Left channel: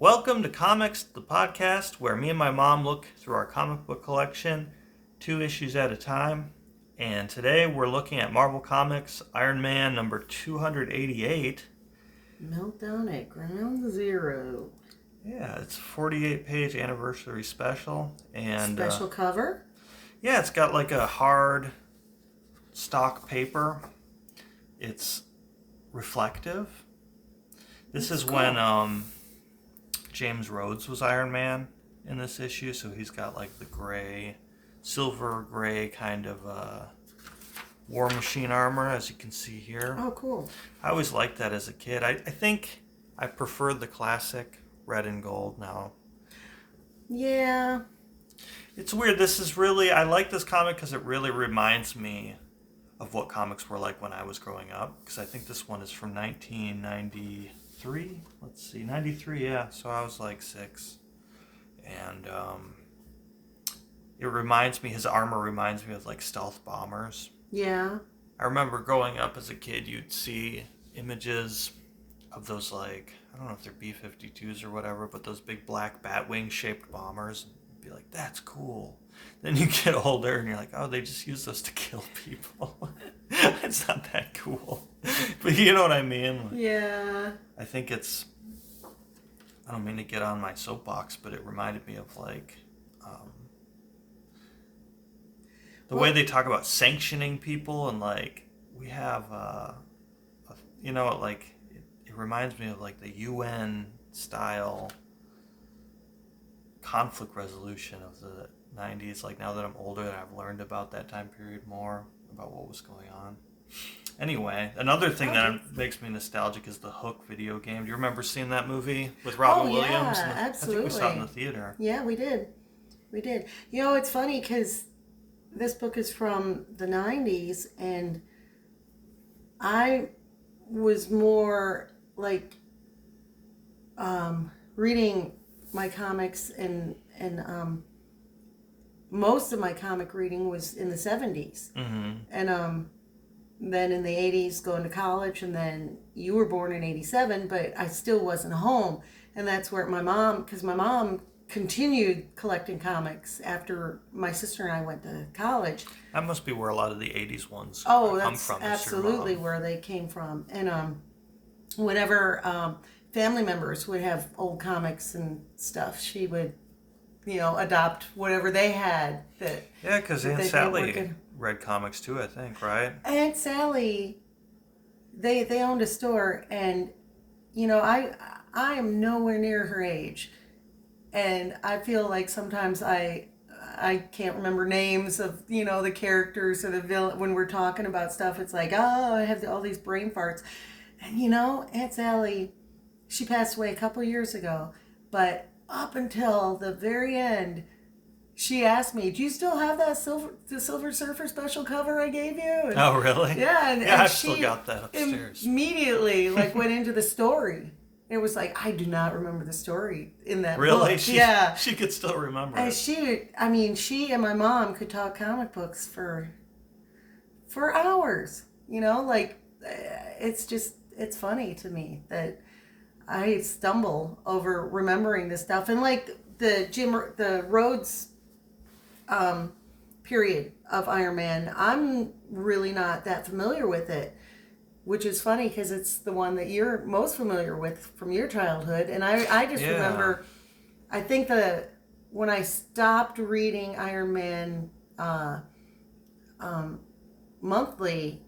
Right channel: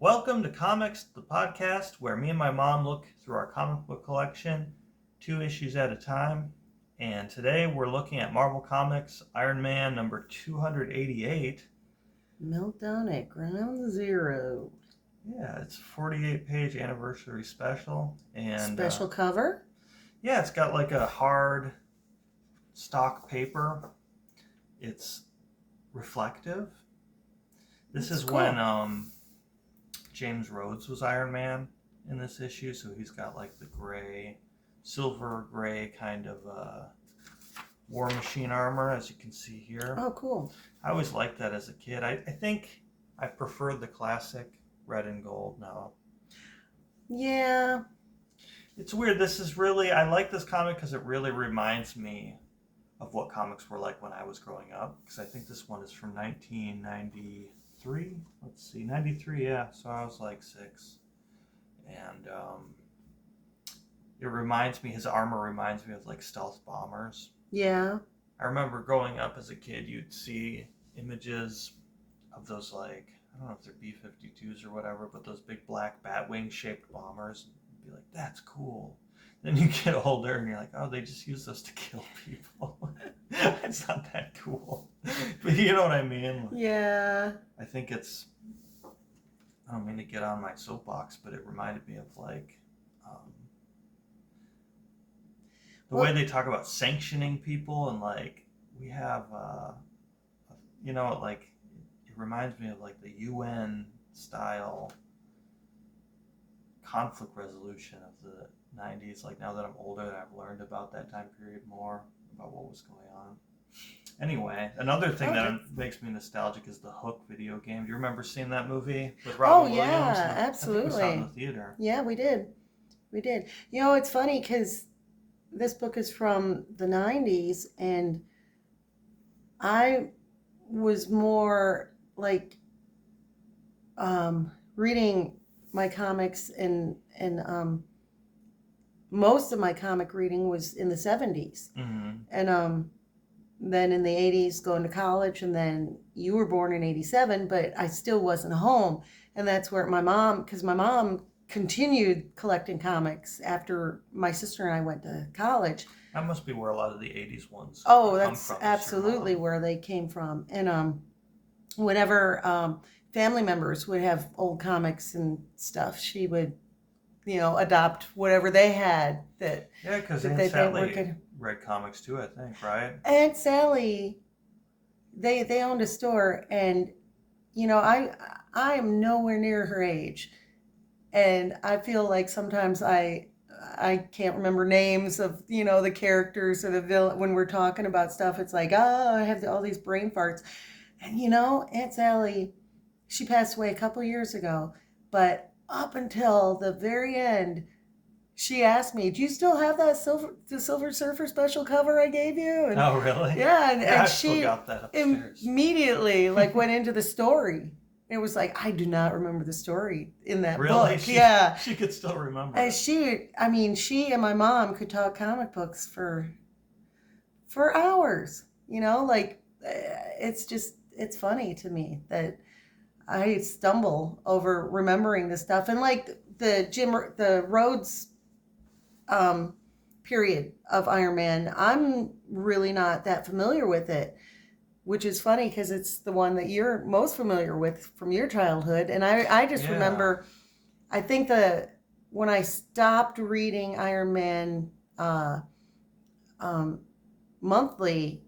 Welcome to Comics, the podcast where me and my mom look through our comic book collection, 2 issues at a time. And today we're looking at Marvel Comics Iron Man number 288. Meltdown at Ground Zero. Yeah, it's a 48-page anniversary special. And Special cover? yeah, it's got like a hard stock paper. It's reflective. This is cool. When James Rhodes was Iron Man in this issue, so he's got like the gray, silver gray kind of War Machine armor, as you can see here. Oh, cool. I always liked that as a kid. I think I preferred the classic red and gold now. Yeah. It's weird. This is really, I like this comic because it really reminds me of what comics were like when I was growing up, because I think this one is from 1993. Let's see, 93, yeah. So I was like 6. And it reminds me, his armor reminds me of like stealth bombers. Yeah. I remember growing up as a kid, you'd see images of those, like, I don't know if they're B-52s or whatever, but those big black Batwing shaped bombers. And you'd be like, that's cool. Then you get older and you're like, oh, they just use those to kill people. It's not that cool. But you know what I mean? Yeah. I think it's, I don't mean to get on my soapbox, but it reminded me of like the way they talk about sanctioning people, and like we have, like it reminds me of like the UN style conflict resolution of the 90s. Like now that I'm older, that I've learned about that time period more, about what was going on. Anyway, another thing that makes me nostalgic is the Hook video game. Do you remember seeing that movie with Robin Williams? Yeah, absolutely. I think we saw it in the theater. Yeah, we did. You know, it's funny because this book is from the 90s, and I was more like reading my comics, and most of my comic reading was in the 70s. Mm-hmm. And then in the 80s going to college, and then you were born in 87, but I still wasn't home. And that's where my mom continued collecting comics after my sister and I went to college. That must be where a lot of the 80s ones come from. Absolutely where they came from. And whenever family members would have old comics and stuff, she would, adopt whatever they had. Yeah, because Aunt Sally read comics too, I think, right? Aunt Sally, they owned a store, and I'm nowhere near her age, and I feel like sometimes I can't remember names of the characters or the villain when we're talking about stuff. It's like, oh, I have all these brain farts, and Aunt Sally, she passed away a couple years ago, but up until the very end, she asked me, do you still have the Silver Surfer special cover I gave you? And, oh, really? Yeah. And I've she still got that upstairs. Immediately went into the story. It was like, I do not remember the story in that really? book. Yeah. She could still remember and it. She and my mom could talk comic books for hours. It's funny to me that I stumble over remembering this stuff. And like the Rhodes period of Iron Man, I'm really not that familiar with it, which is funny because it's the one that you're most familiar with from your childhood. And I just remember, I think when I stopped reading Iron Man monthly,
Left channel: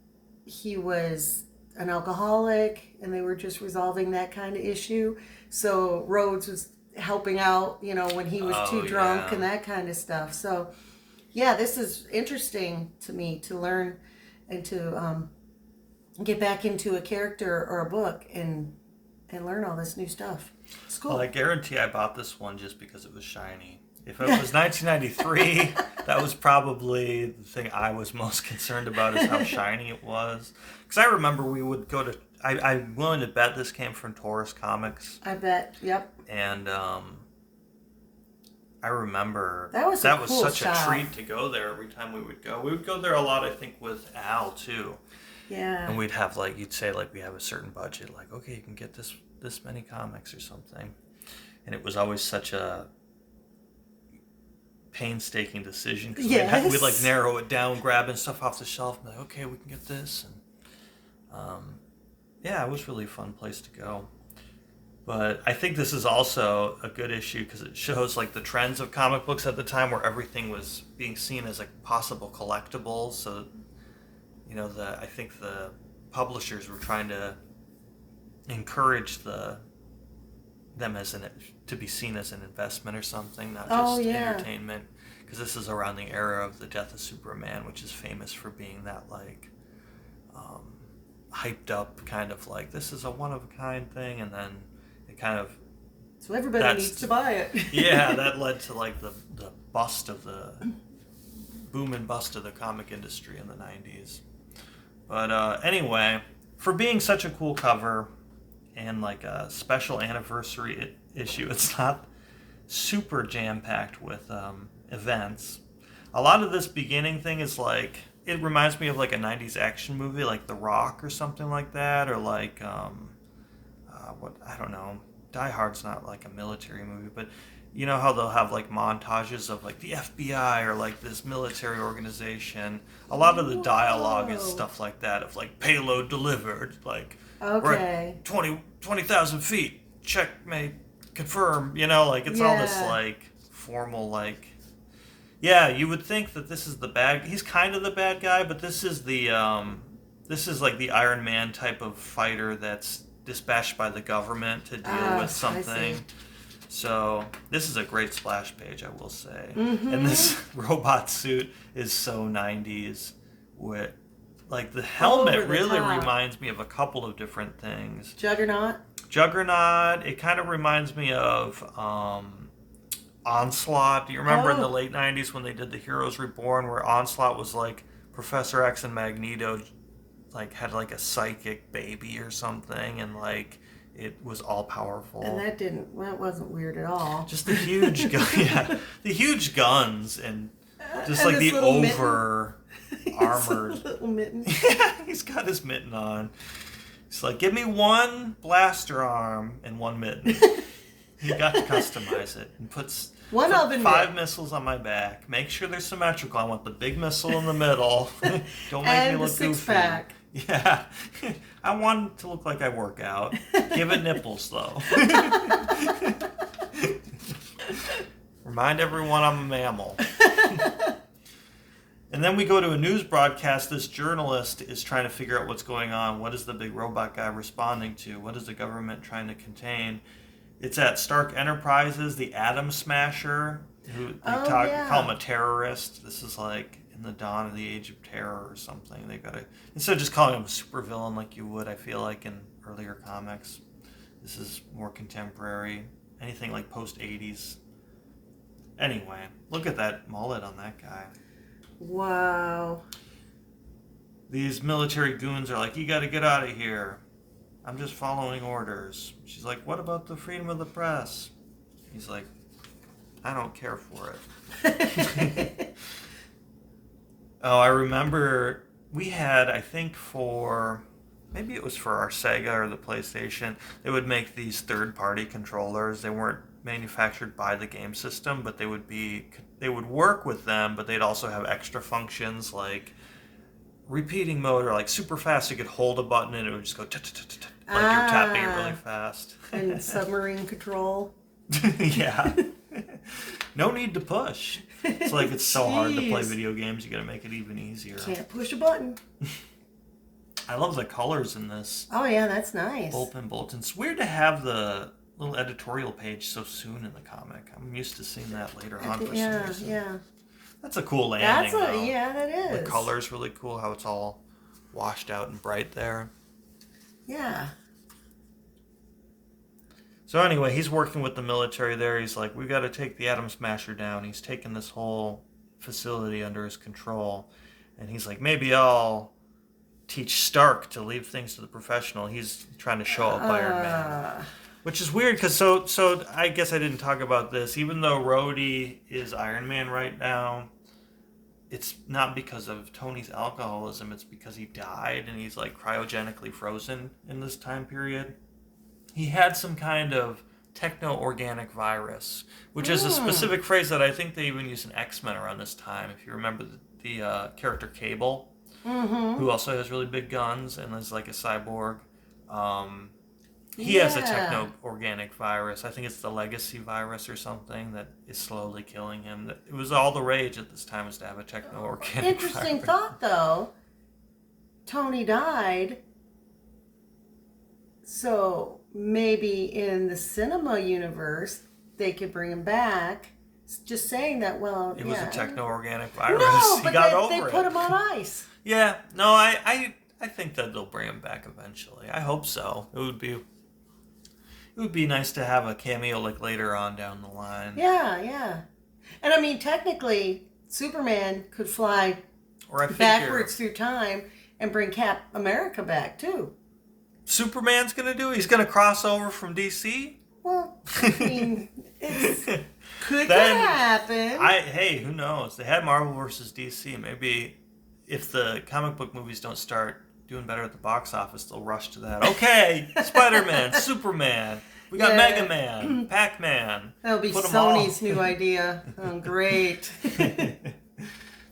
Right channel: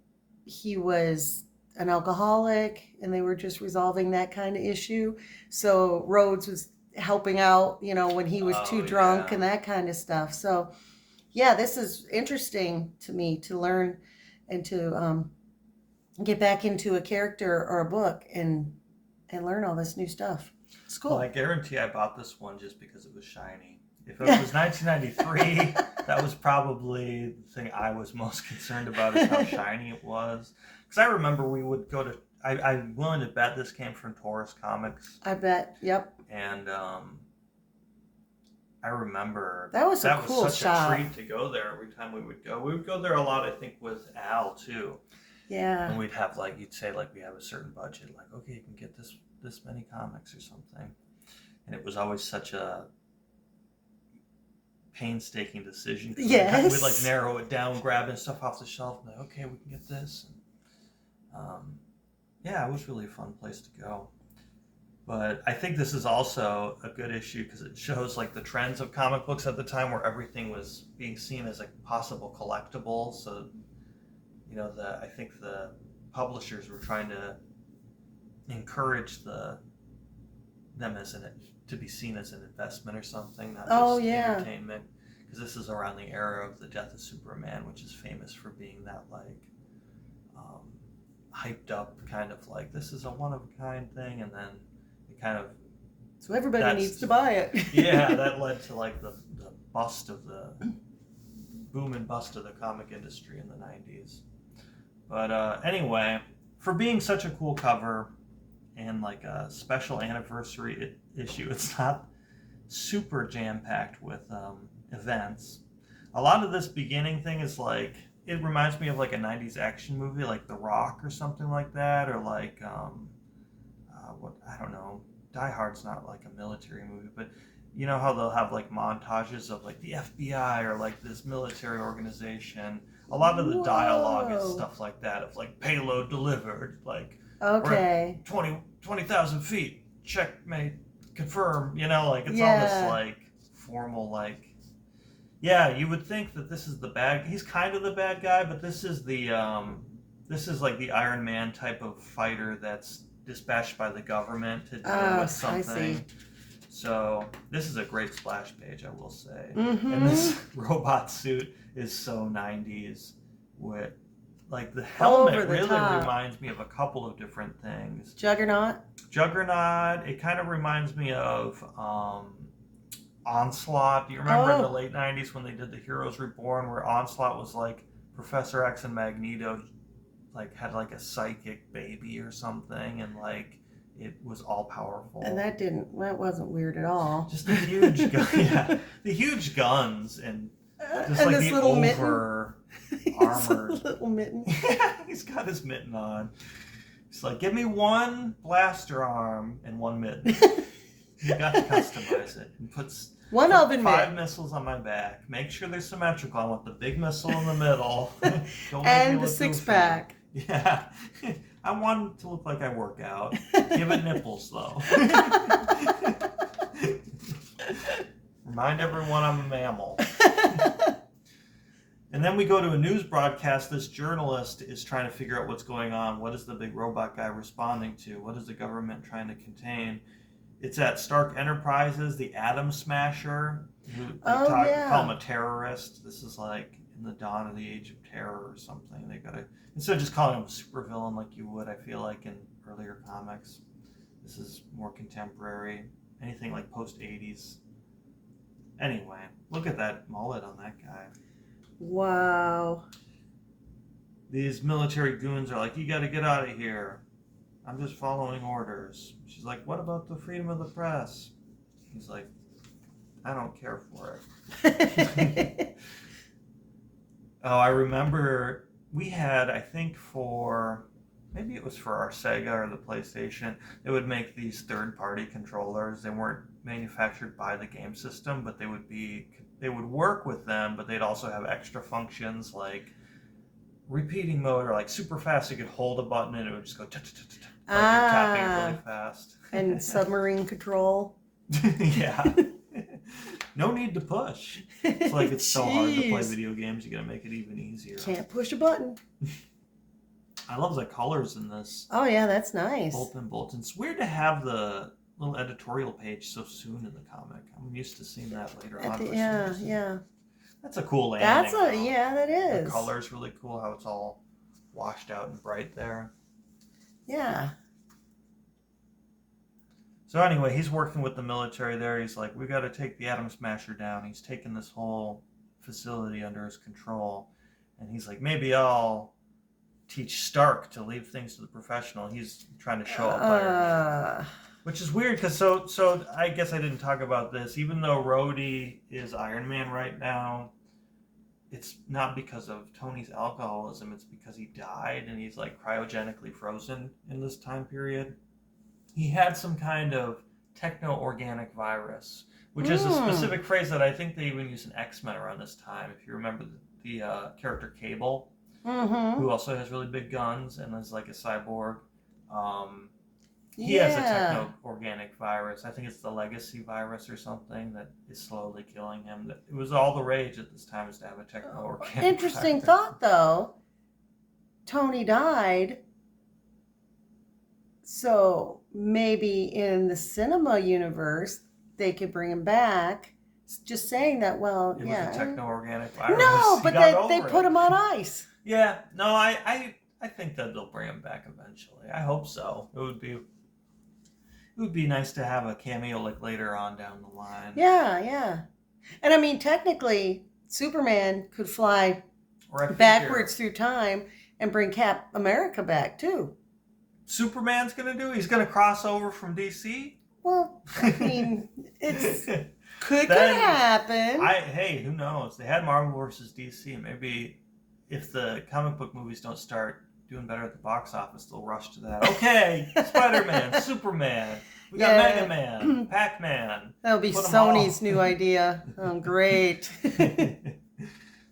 he was an alcoholic, and they were just resolving that kind of issue. So Rhodes was helping out, when he was too drunk and that kind of stuff. So yeah, this is interesting to me to learn and to get back into a character or a book and learn all this new stuff. It's cool. Well, I guarantee I bought this one just because it was shiny. If it was 1993, that was probably the thing I was most concerned about, is how shiny it was. Because I remember we would go to, I'm willing to bet this came from Taurus Comics. I bet, yep. And I remember that was such shop. A treat to go there every time we would go. We would go there a lot, I think, with Al too. Yeah. And we'd have you'd say we have a certain budget, okay, you can get this many comics or something. and it was always such a painstaking decision because Yes. we'd like narrow it down, grabbing stuff off the shelf, and like, okay, we can get this, and yeah, it was really a fun place to go. But I think this is also a good issue because it shows like the trends of comic books at the time, where everything was being seen as like possible collectibles. So, I think the publishers were trying to encourage them to be seen as an investment or something, not just entertainment. Because this is around the era of the death of Superman, which is famous for being that like hyped up kind of like this is a one of a kind thing, and then it kind of so everybody needs to buy it. Yeah, that led to like the bust of the boom and bust of the comic industry in the 90s. But anyway, for being such a cool cover and like a special anniversary issue, it's not super jam-packed with events. A lot of this beginning thing is like, it reminds me of like a 90s action movie like The Rock or something like that, or like I don't know, Die Hard's not like a military movie, but you know how they'll have like montages of like the FBI or like this military organization. A lot of the dialogue is stuff like that, of like payload delivered, like we're at 20,000 feet, checkmate, confirm, like it's all this like formal like. Yeah, you would think that this is the bad. He's kind of the bad guy, but this is like the Iron Man type of fighter that's dispatched by the government to deal with something. So this is a great splash page, I will say. Mm-hmm. And this robot suit is so 90s. With like the helmet really reminds me of a couple of different things. Juggernaut. It kind of reminds me of Onslaught. Do you remember in the late 90s when they did the Heroes Reborn, where Onslaught was like Professor X and Magneto like had like a psychic baby or something, and like it was all powerful. And that wasn't weird at all. Just the huge the huge guns and just and like the over armored little mitten. Yeah, he's got his mitten on. He's like, give me one blaster arm and one mitten. You got to customize it and put 5 missiles on my back. Make sure they're symmetrical. I want the big missile in the middle. Don't make me look goofy. 6-pack. Yeah. I want it to look like I work out. Give it nipples, though. Remind everyone I'm a mammal. And then we go to a news broadcast. This journalist is trying to figure out what's going on. What is the big robot guy responding to? What is the government trying to contain? It's at Stark Enterprises, the Atom Smasher, who call him a terrorist. This is like in the dawn of the Age of Terror or something. They gotta, instead of just calling him a supervillain like you would, I feel like in earlier comics, this is more contemporary. Anything like post-80s. Anyway, look at that mullet on that guy. Wow. These military goons are like, you gotta get out of here. I'm just following orders. She's like, what about the freedom of the press? He's like, I don't care for it. Oh, I remember we had, I think maybe it was for our Sega or the PlayStation, they would make these third-party controllers. They weren't manufactured by the game system, but they would work with them, but they'd also have extra functions like repeating mode, or like super fast. You could hold a button and it would just go like you're tapping it really fast. And submarine control. Yeah. No need to push. It's like it's so hard to play video games. You got to make it even easier. Can't push a button. I love the colors in this. Oh yeah, that's nice. Bolton. It's weird to have the little editorial page so soon in the comic. I'm used to seeing that later on. For some reason. Yeah. That's a cool landing. That is. The color's really cool, how it's all washed out and bright there. Yeah. So anyway, he's working with the military there. He's like, we got to take the Atom Smasher down. He's taken this whole facility under his control. And he's like, maybe I'll teach Stark to leave things to the professional. He's trying to show up Iron Man. Which is weird, because so I guess I didn't talk about this. Even though Rhodey is Iron Man right now, it's not because of Tony's alcoholism. It's because he died and he's like cryogenically frozen in this time period. He had some kind of techno-organic virus, which is a specific phrase that I think they even used in X-Men around this time. If you remember the character Cable, who also has really big guns and is like a cyborg. He has a techno-organic virus. I think it's the legacy virus or something that is slowly killing him. It was all the rage at this time, is to have a techno-organic Interesting virus. thought, though. Tony died, so maybe in the cinema universe they could bring him back. Just saying that, well, It was a techno-organic virus. No, He but got they over put it. him on ice. Yeah, no, I think that they'll bring him back eventually. I hope so. It would be nice to have a cameo like later on down the line. Yeah. And I mean, technically, Superman could fly backwards through time and bring Cap America back too. Superman's gonna do it? He's gonna cross over from DC? Well, I mean, it could happen. Hey, who knows? They had Marvel versus DC. Maybe if the comic book movies don't start doing better at the box office, they'll rush to that. Okay, Spider-Man, Superman, we got Mega Man, Pac-Man. That'll be Sony's new idea. Oh, great.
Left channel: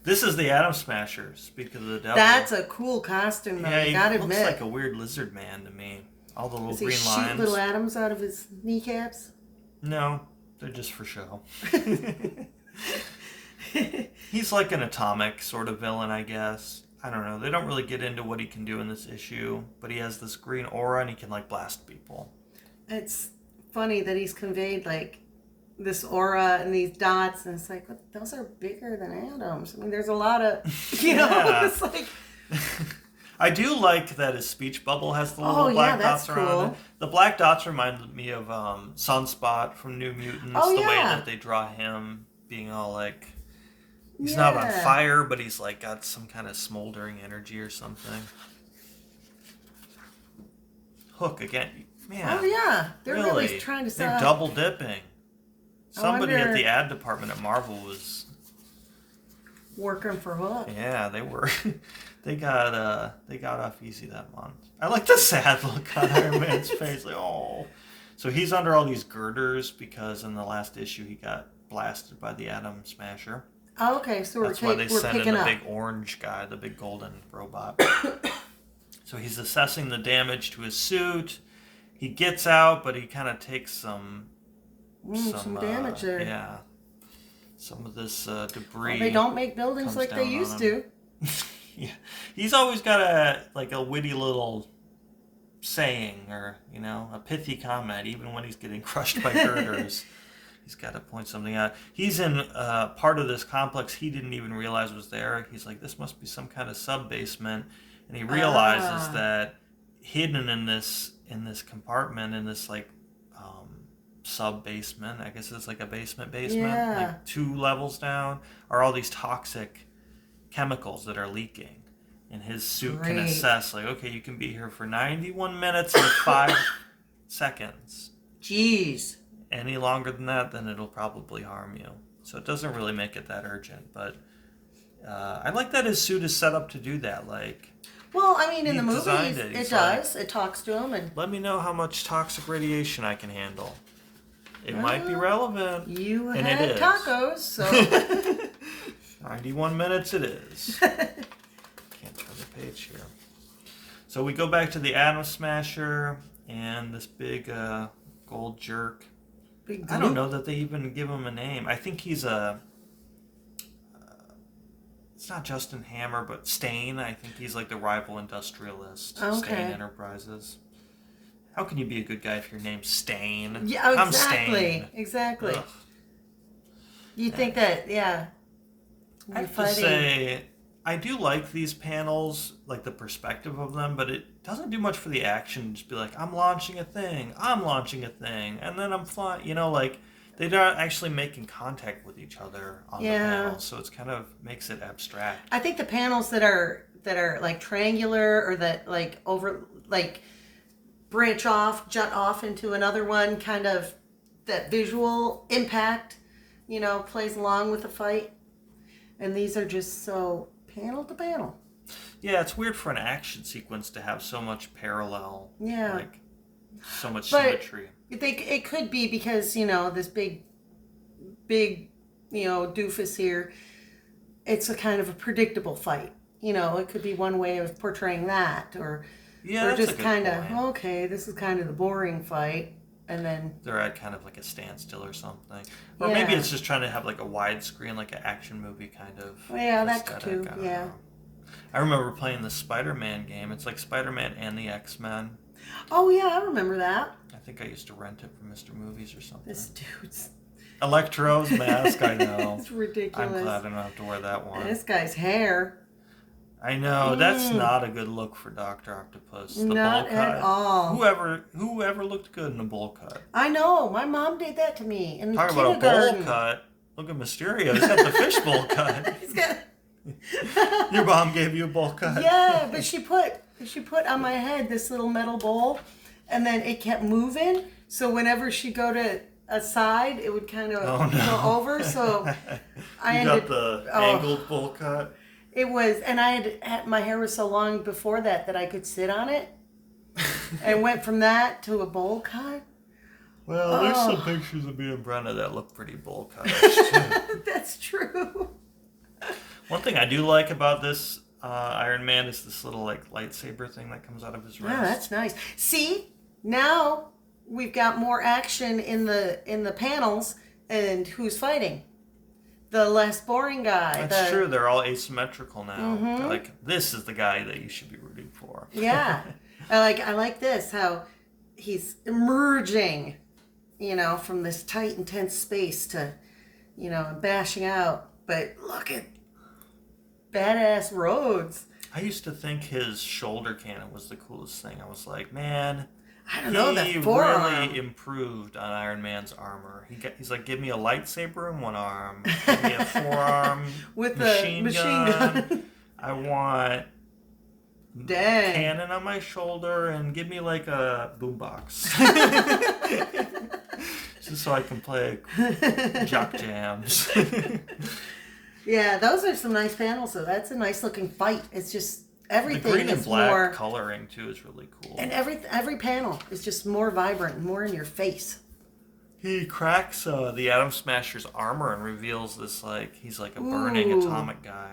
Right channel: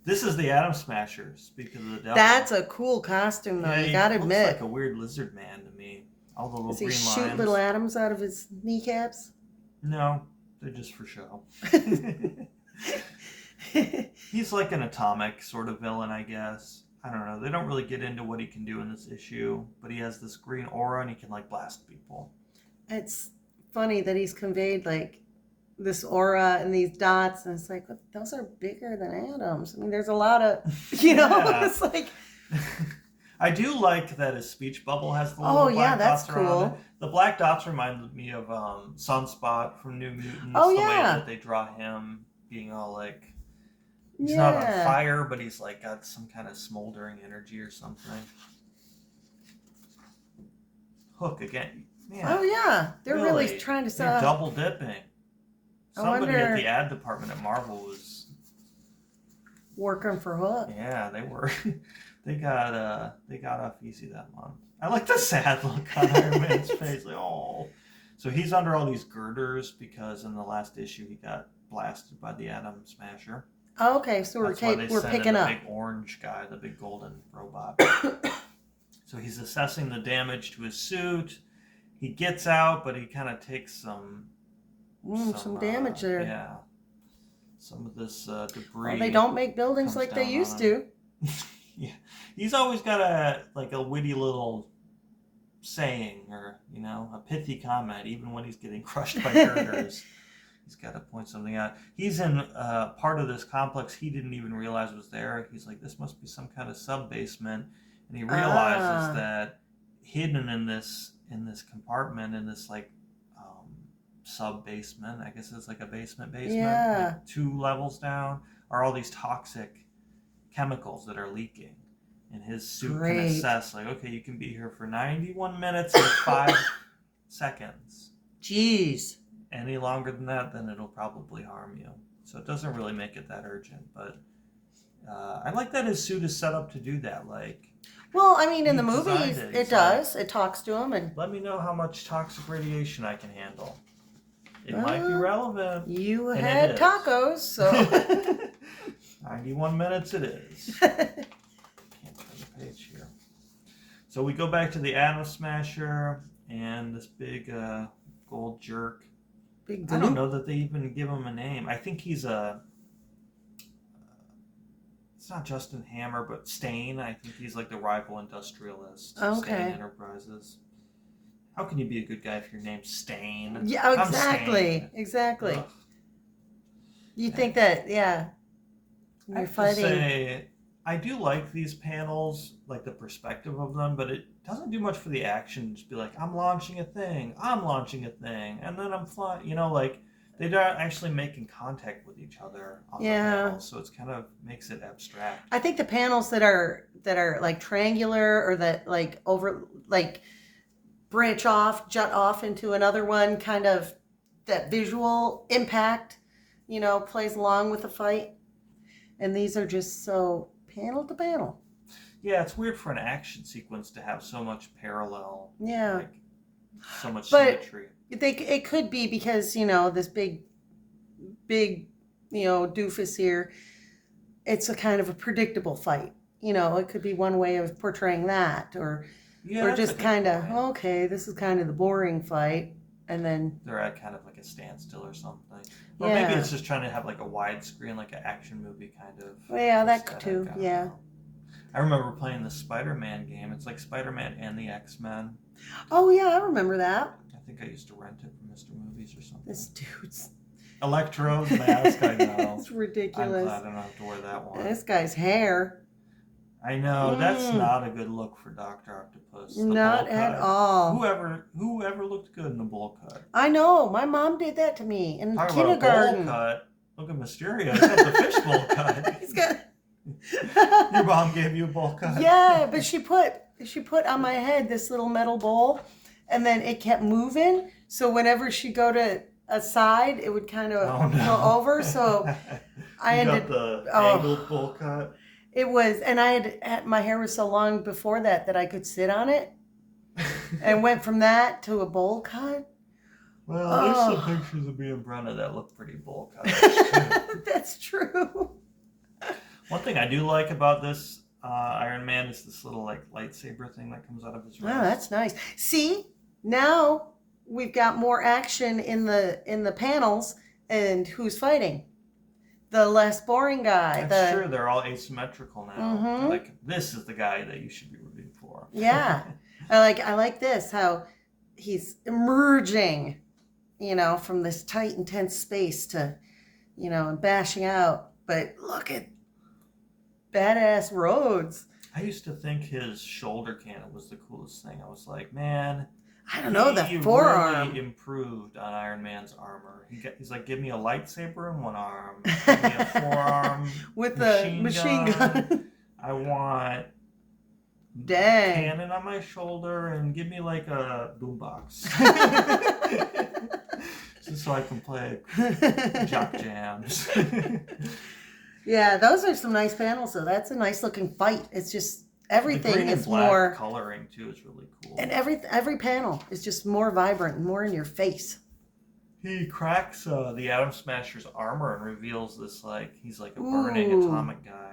This is the Atom Smasher, speak of the devil. That's a cool costume, though, you gotta admit. He looks like a weird lizard man to me. All the little green lines. Does he shoot little atoms out of his kneecaps? No, they're just for show. He's like an atomic sort of villain, I guess. I don't know. They don't really get into what he can do in this issue, but he has this green aura and he can like blast people. It's funny that he's conveyed like this aura and these dots, and it's like, what, those are bigger than atoms. I mean, there's a lot of, it's like. I do like that his speech bubble has the little black dots around it. The black dots reminded me of Sunspot from New Mutants. The way that they draw him being all like, he's not on fire, but he's like got some kind of smoldering energy or something. Hook again. Man, oh yeah, they're really trying to sell. They're double dipping. Somebody at the ad department at Marvel was working for Hook. Yeah, they were. They got off easy that month. I like the sad look on Iron Man's face. Like, oh. So he's under all these girders because in the last issue he got blasted by the Atom Smasher. Oh, okay, so That's why they sent in the big orange guy, the big golden robot. So he's assessing the damage to his suit. He gets out, but he kind of takes some damage there. Yeah. Some of this debris. Well, they don't make buildings like they used to. Yeah. He's always got a witty little saying or, a pithy comment, even when he's getting crushed by girders. He's got to point something out. He's in part of this complex he didn't even realize was there. He's like, this must be some kind of sub-basement. And he realizes that hidden in this compartment, in this sub-basement, I guess it's like a basement, like 2 levels down, are all these toxic chemicals that are leaking. And his suit can assess, like, okay, you can be here for 91 minutes and 5 seconds. Jeez. Any longer than that, then it'll probably harm you. So it doesn't really make it that urgent. But I like that his suit is set up to do that. Well, I mean, in the movies, it does. It talks to him. And let me know how much toxic radiation I can handle. It might be relevant. You had tacos, so... 91 minutes it is. Can't turn the page here. So we go back to the Atom Smasher and this big gold jerk. I don't know that they even give him a name. I think he's it's not Justin Hammer, but Stain. I think he's like the rival industrialist. Stain Enterprises. How can you be a good guy if your name's Stain? Yeah, exactly. Exactly. Ugh. You think that, I have to say, I do like these panels, like the perspective of them, but it doesn't do much for the action. Just be like, I'm launching a thing, and then I'm flying. They're not actually making contact with each other on the panels, so it's kind of makes it abstract. I think the panels that are like triangular or that branch off, jut off into another one, kind of that visual impact, plays along with the fight. And these are just so panel to panel. Yeah, it's weird for an action sequence to have so much parallel. Yeah. So much But symmetry. it could be because, this big, doofus here, it's a kind of a predictable fight. It could be one way of portraying that, or That's just a good kind of, point. okay, this is kind of the boring fight, and then they're at kind of like a standstill or something. Or maybe it's just trying to have like a widescreen, like an action movie kind of. Yeah, that aesthetic. too. Yeah. I remember playing the Spider-Man game. It's like Spider-Man and the X-Men. Oh yeah, I remember that. I think I used to rent it from Mr. Movies or something. This dude's Electro's mask, I know. It's ridiculous. I'm glad I don't have to wear that one. This guy's hair. I know, that's not a good look for Dr. Octopus. The Not bowl cut. at all. Whoever looked good in a bowl cut? I know. My mom did that to me in Talk kindergarten. about a bowl cut. Look at Mysterio. He's got the fishbowl cut. He's got... Your mom gave you a bowl cut. Yeah, but she put on my head this little metal bowl, and then it kept moving. So whenever she go to a side, it would kind of go over. So I got the angled bowl cut. It was, and I had my hair was so long before that I could sit on it, and went from that to a bowl cut. Well, there's some pictures of me and Brenda that look pretty bowl cuts. That's true. One thing I do like about this Iron Man is this little like lightsaber thing that comes out of his wrist. Yeah, that's nice. See, now we've got more action in the panels, and who's fighting? The less boring guy. That's true. They're all asymmetrical now. Mm-hmm. Like, this is the guy that you should be rooting for. Yeah. I like this, how he's emerging, from this tight, intense space to, and bashing out. But look at badass Rhodes. I used to think his shoulder cannon was the coolest thing. I was like, man, I don't know, that he forearm really improved on Iron Man's armor. He's like, give me a lightsaber in one arm, give me a forearm with machine the machine gun. I want cannon on my shoulder, and give me like a boombox, just so I can play jock jams. Yeah, those are some nice panels, though. That's a nice looking fight. It's just everything the green is and black more coloring too is really cool. And every panel is just more vibrant and more in your face. He cracks the Atom Smasher's armor and reveals this he's like a burning atomic guy.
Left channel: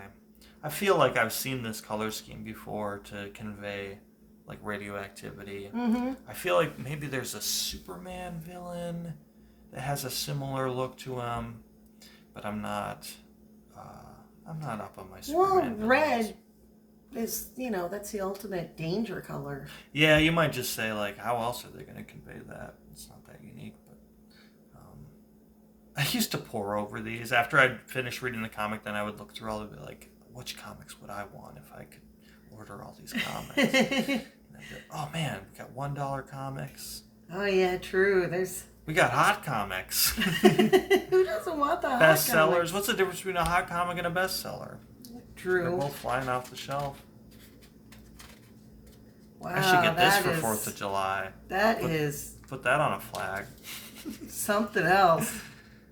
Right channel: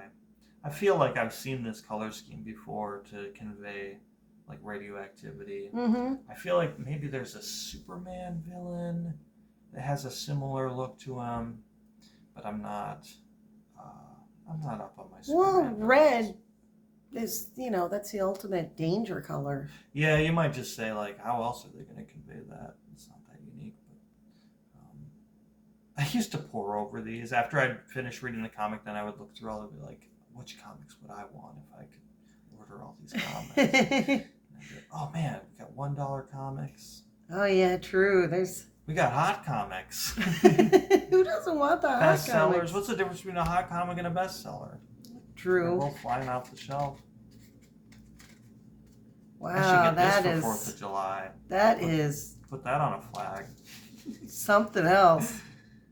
I feel like I've seen this color scheme before to convey like radioactivity. Mm-hmm. I feel like maybe there's a Superman villain that has a similar look to him, but I'm not up on my Superman villains. Red is, that's the ultimate danger color. Yeah, you might just say, like, how else are they going to convey that? It's not that unique, but I used to pore over these. After I'd finished reading the comic, then I would look through all of it, like, which comics would I want if I could order all these comics? And I'd be like, oh, man, we got $1 comics. Oh, yeah, true. We got hot comics. Who doesn't want the hot bestsellers? comics? What's the difference between a hot comic and a bestseller? True. They're both flying off the shelf. Wow, I should get this for 4th of July. Put that on a flag. Something else.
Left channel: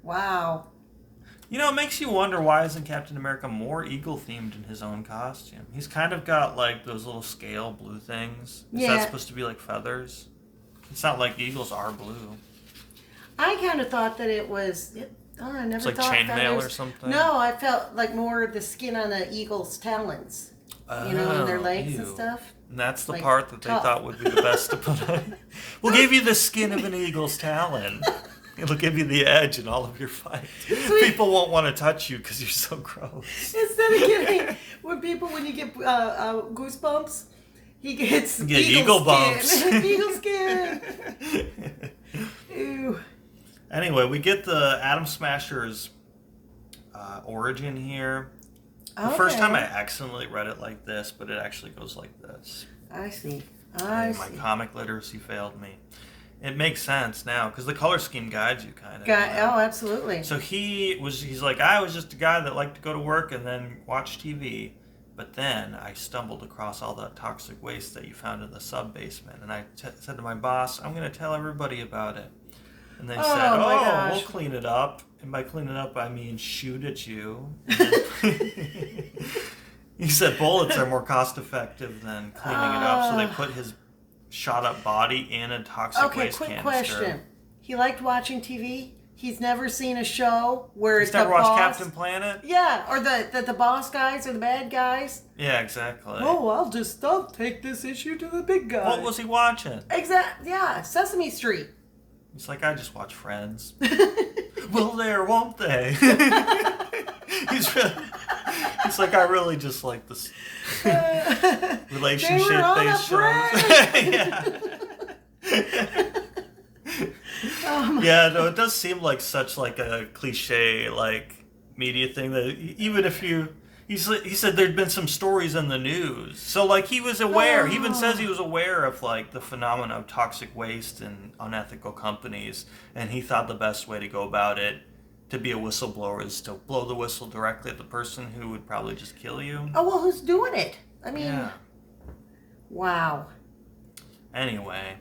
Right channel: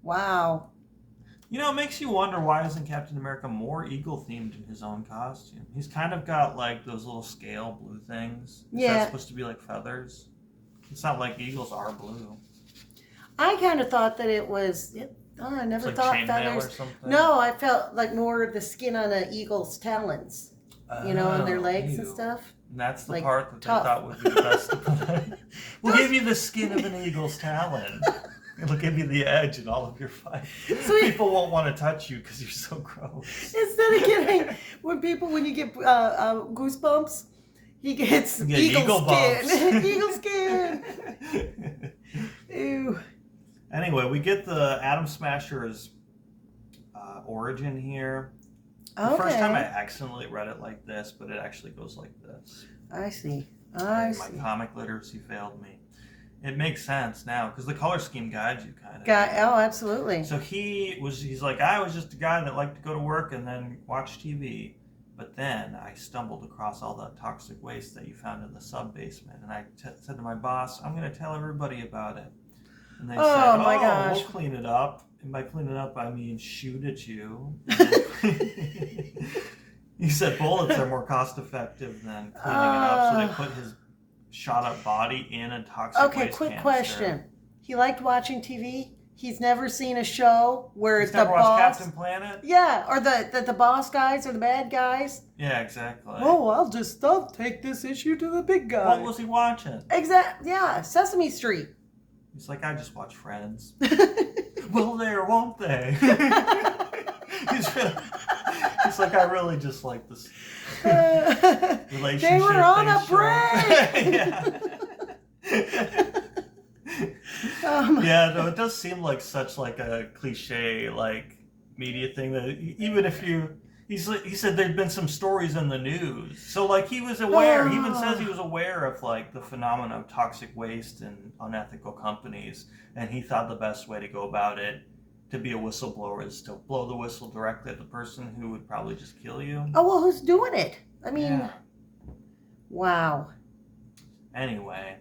Wow. It makes you wonder, why isn't Captain America more eagle-themed in his own costume? He's kind of got, like, those little scale blue things. Is that supposed to be like feathers? It's not like eagles are blue. I kind of thought that it was... I never thought chainmail or something? No, I felt like more the skin on an eagle's talons. And their legs and stuff. And that's the part that they thought would be the best to put on. We'll give you the skin of an eagle's talon. It'll give you the edge in all of your fights. People won't want to touch you because you're so gross. Instead of getting, when you get goosebumps, he gets eagle bumps. Eagle skin. Ew. Anyway, we get the Atom Smasher's origin here. The first time I accidentally read it like this, but it actually goes like this. I see. My comic literacy failed me. It makes sense now, because the color scheme guides you kind of. Oh, absolutely. So he's like, I was just a guy that liked to go to work and then watch TV. But then I stumbled across all that toxic waste that you found in the sub-basement. And I said to my boss, I'm going to tell everybody about it. And they said, we'll clean it up. And by clean it up, I mean shoot at you. He said bullets are more cost-effective than cleaning it up. So they put his shot up body in a toxic Okay, waste quick canister. question. He liked watching TV. He's never seen a show where He's the never watched boss. Captain Planet? Yeah, or the boss guys are the bad guys. Yeah, exactly. Oh, I'll take this issue to the big guy. What was he watching? Yeah, Sesame Street. He's like, I just watch Friends. Will they or won't they? He's like, I really just like this relationship They were on a yeah. Yeah, no, it does seem like such like a cliche like media thing that even if he said there'd been some stories in the news, so like he was aware. He even says he was aware of like the phenomena of toxic waste and unethical companies, and he thought the best way to go about it to be a whistleblower is to blow the whistle directly at the person who would probably just kill you. Oh, well, who's doing it? I mean, Yeah. Wow. Anyway,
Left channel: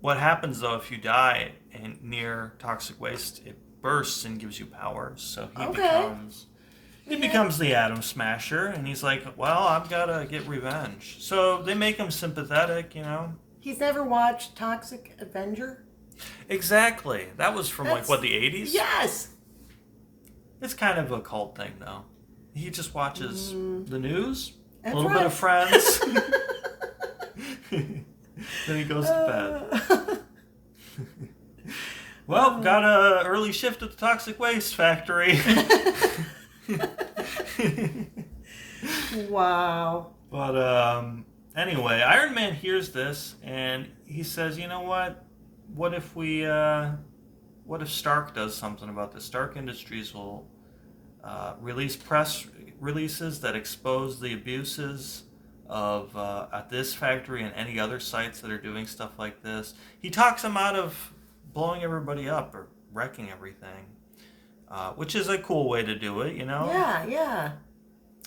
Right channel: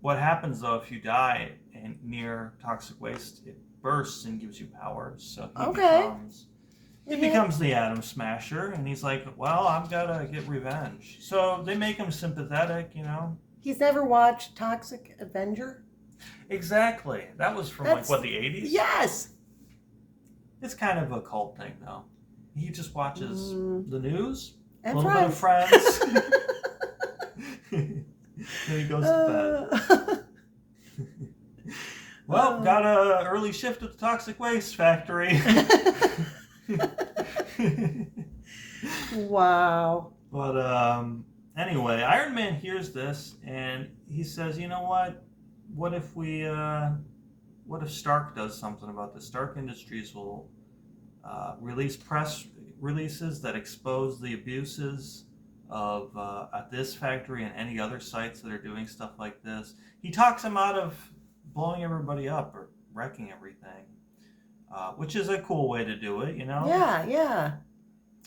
what happens though if you die near toxic waste? It bursts and gives you powers. So he becomes the Atom Smasher, and he's like, well, I've got to get revenge. So they make him sympathetic, you know. He's never watched Toxic Avenger? Exactly. That was from like what, the 80s? Yes. It's kind of a cult thing though. He just watches the news, a And little bit of Friends. Then he goes to bed. Well, got a early shift at the toxic waste factory. Wow. But anyway, Iron Man hears this and he says, "You know what? What if Stark does something about this? Stark Industries will release press releases that expose the abuses of at this factory and any other sites that are doing stuff like this." He talks them out of blowing everybody up or wrecking everything, which is a cool way to do it, you know? Yeah.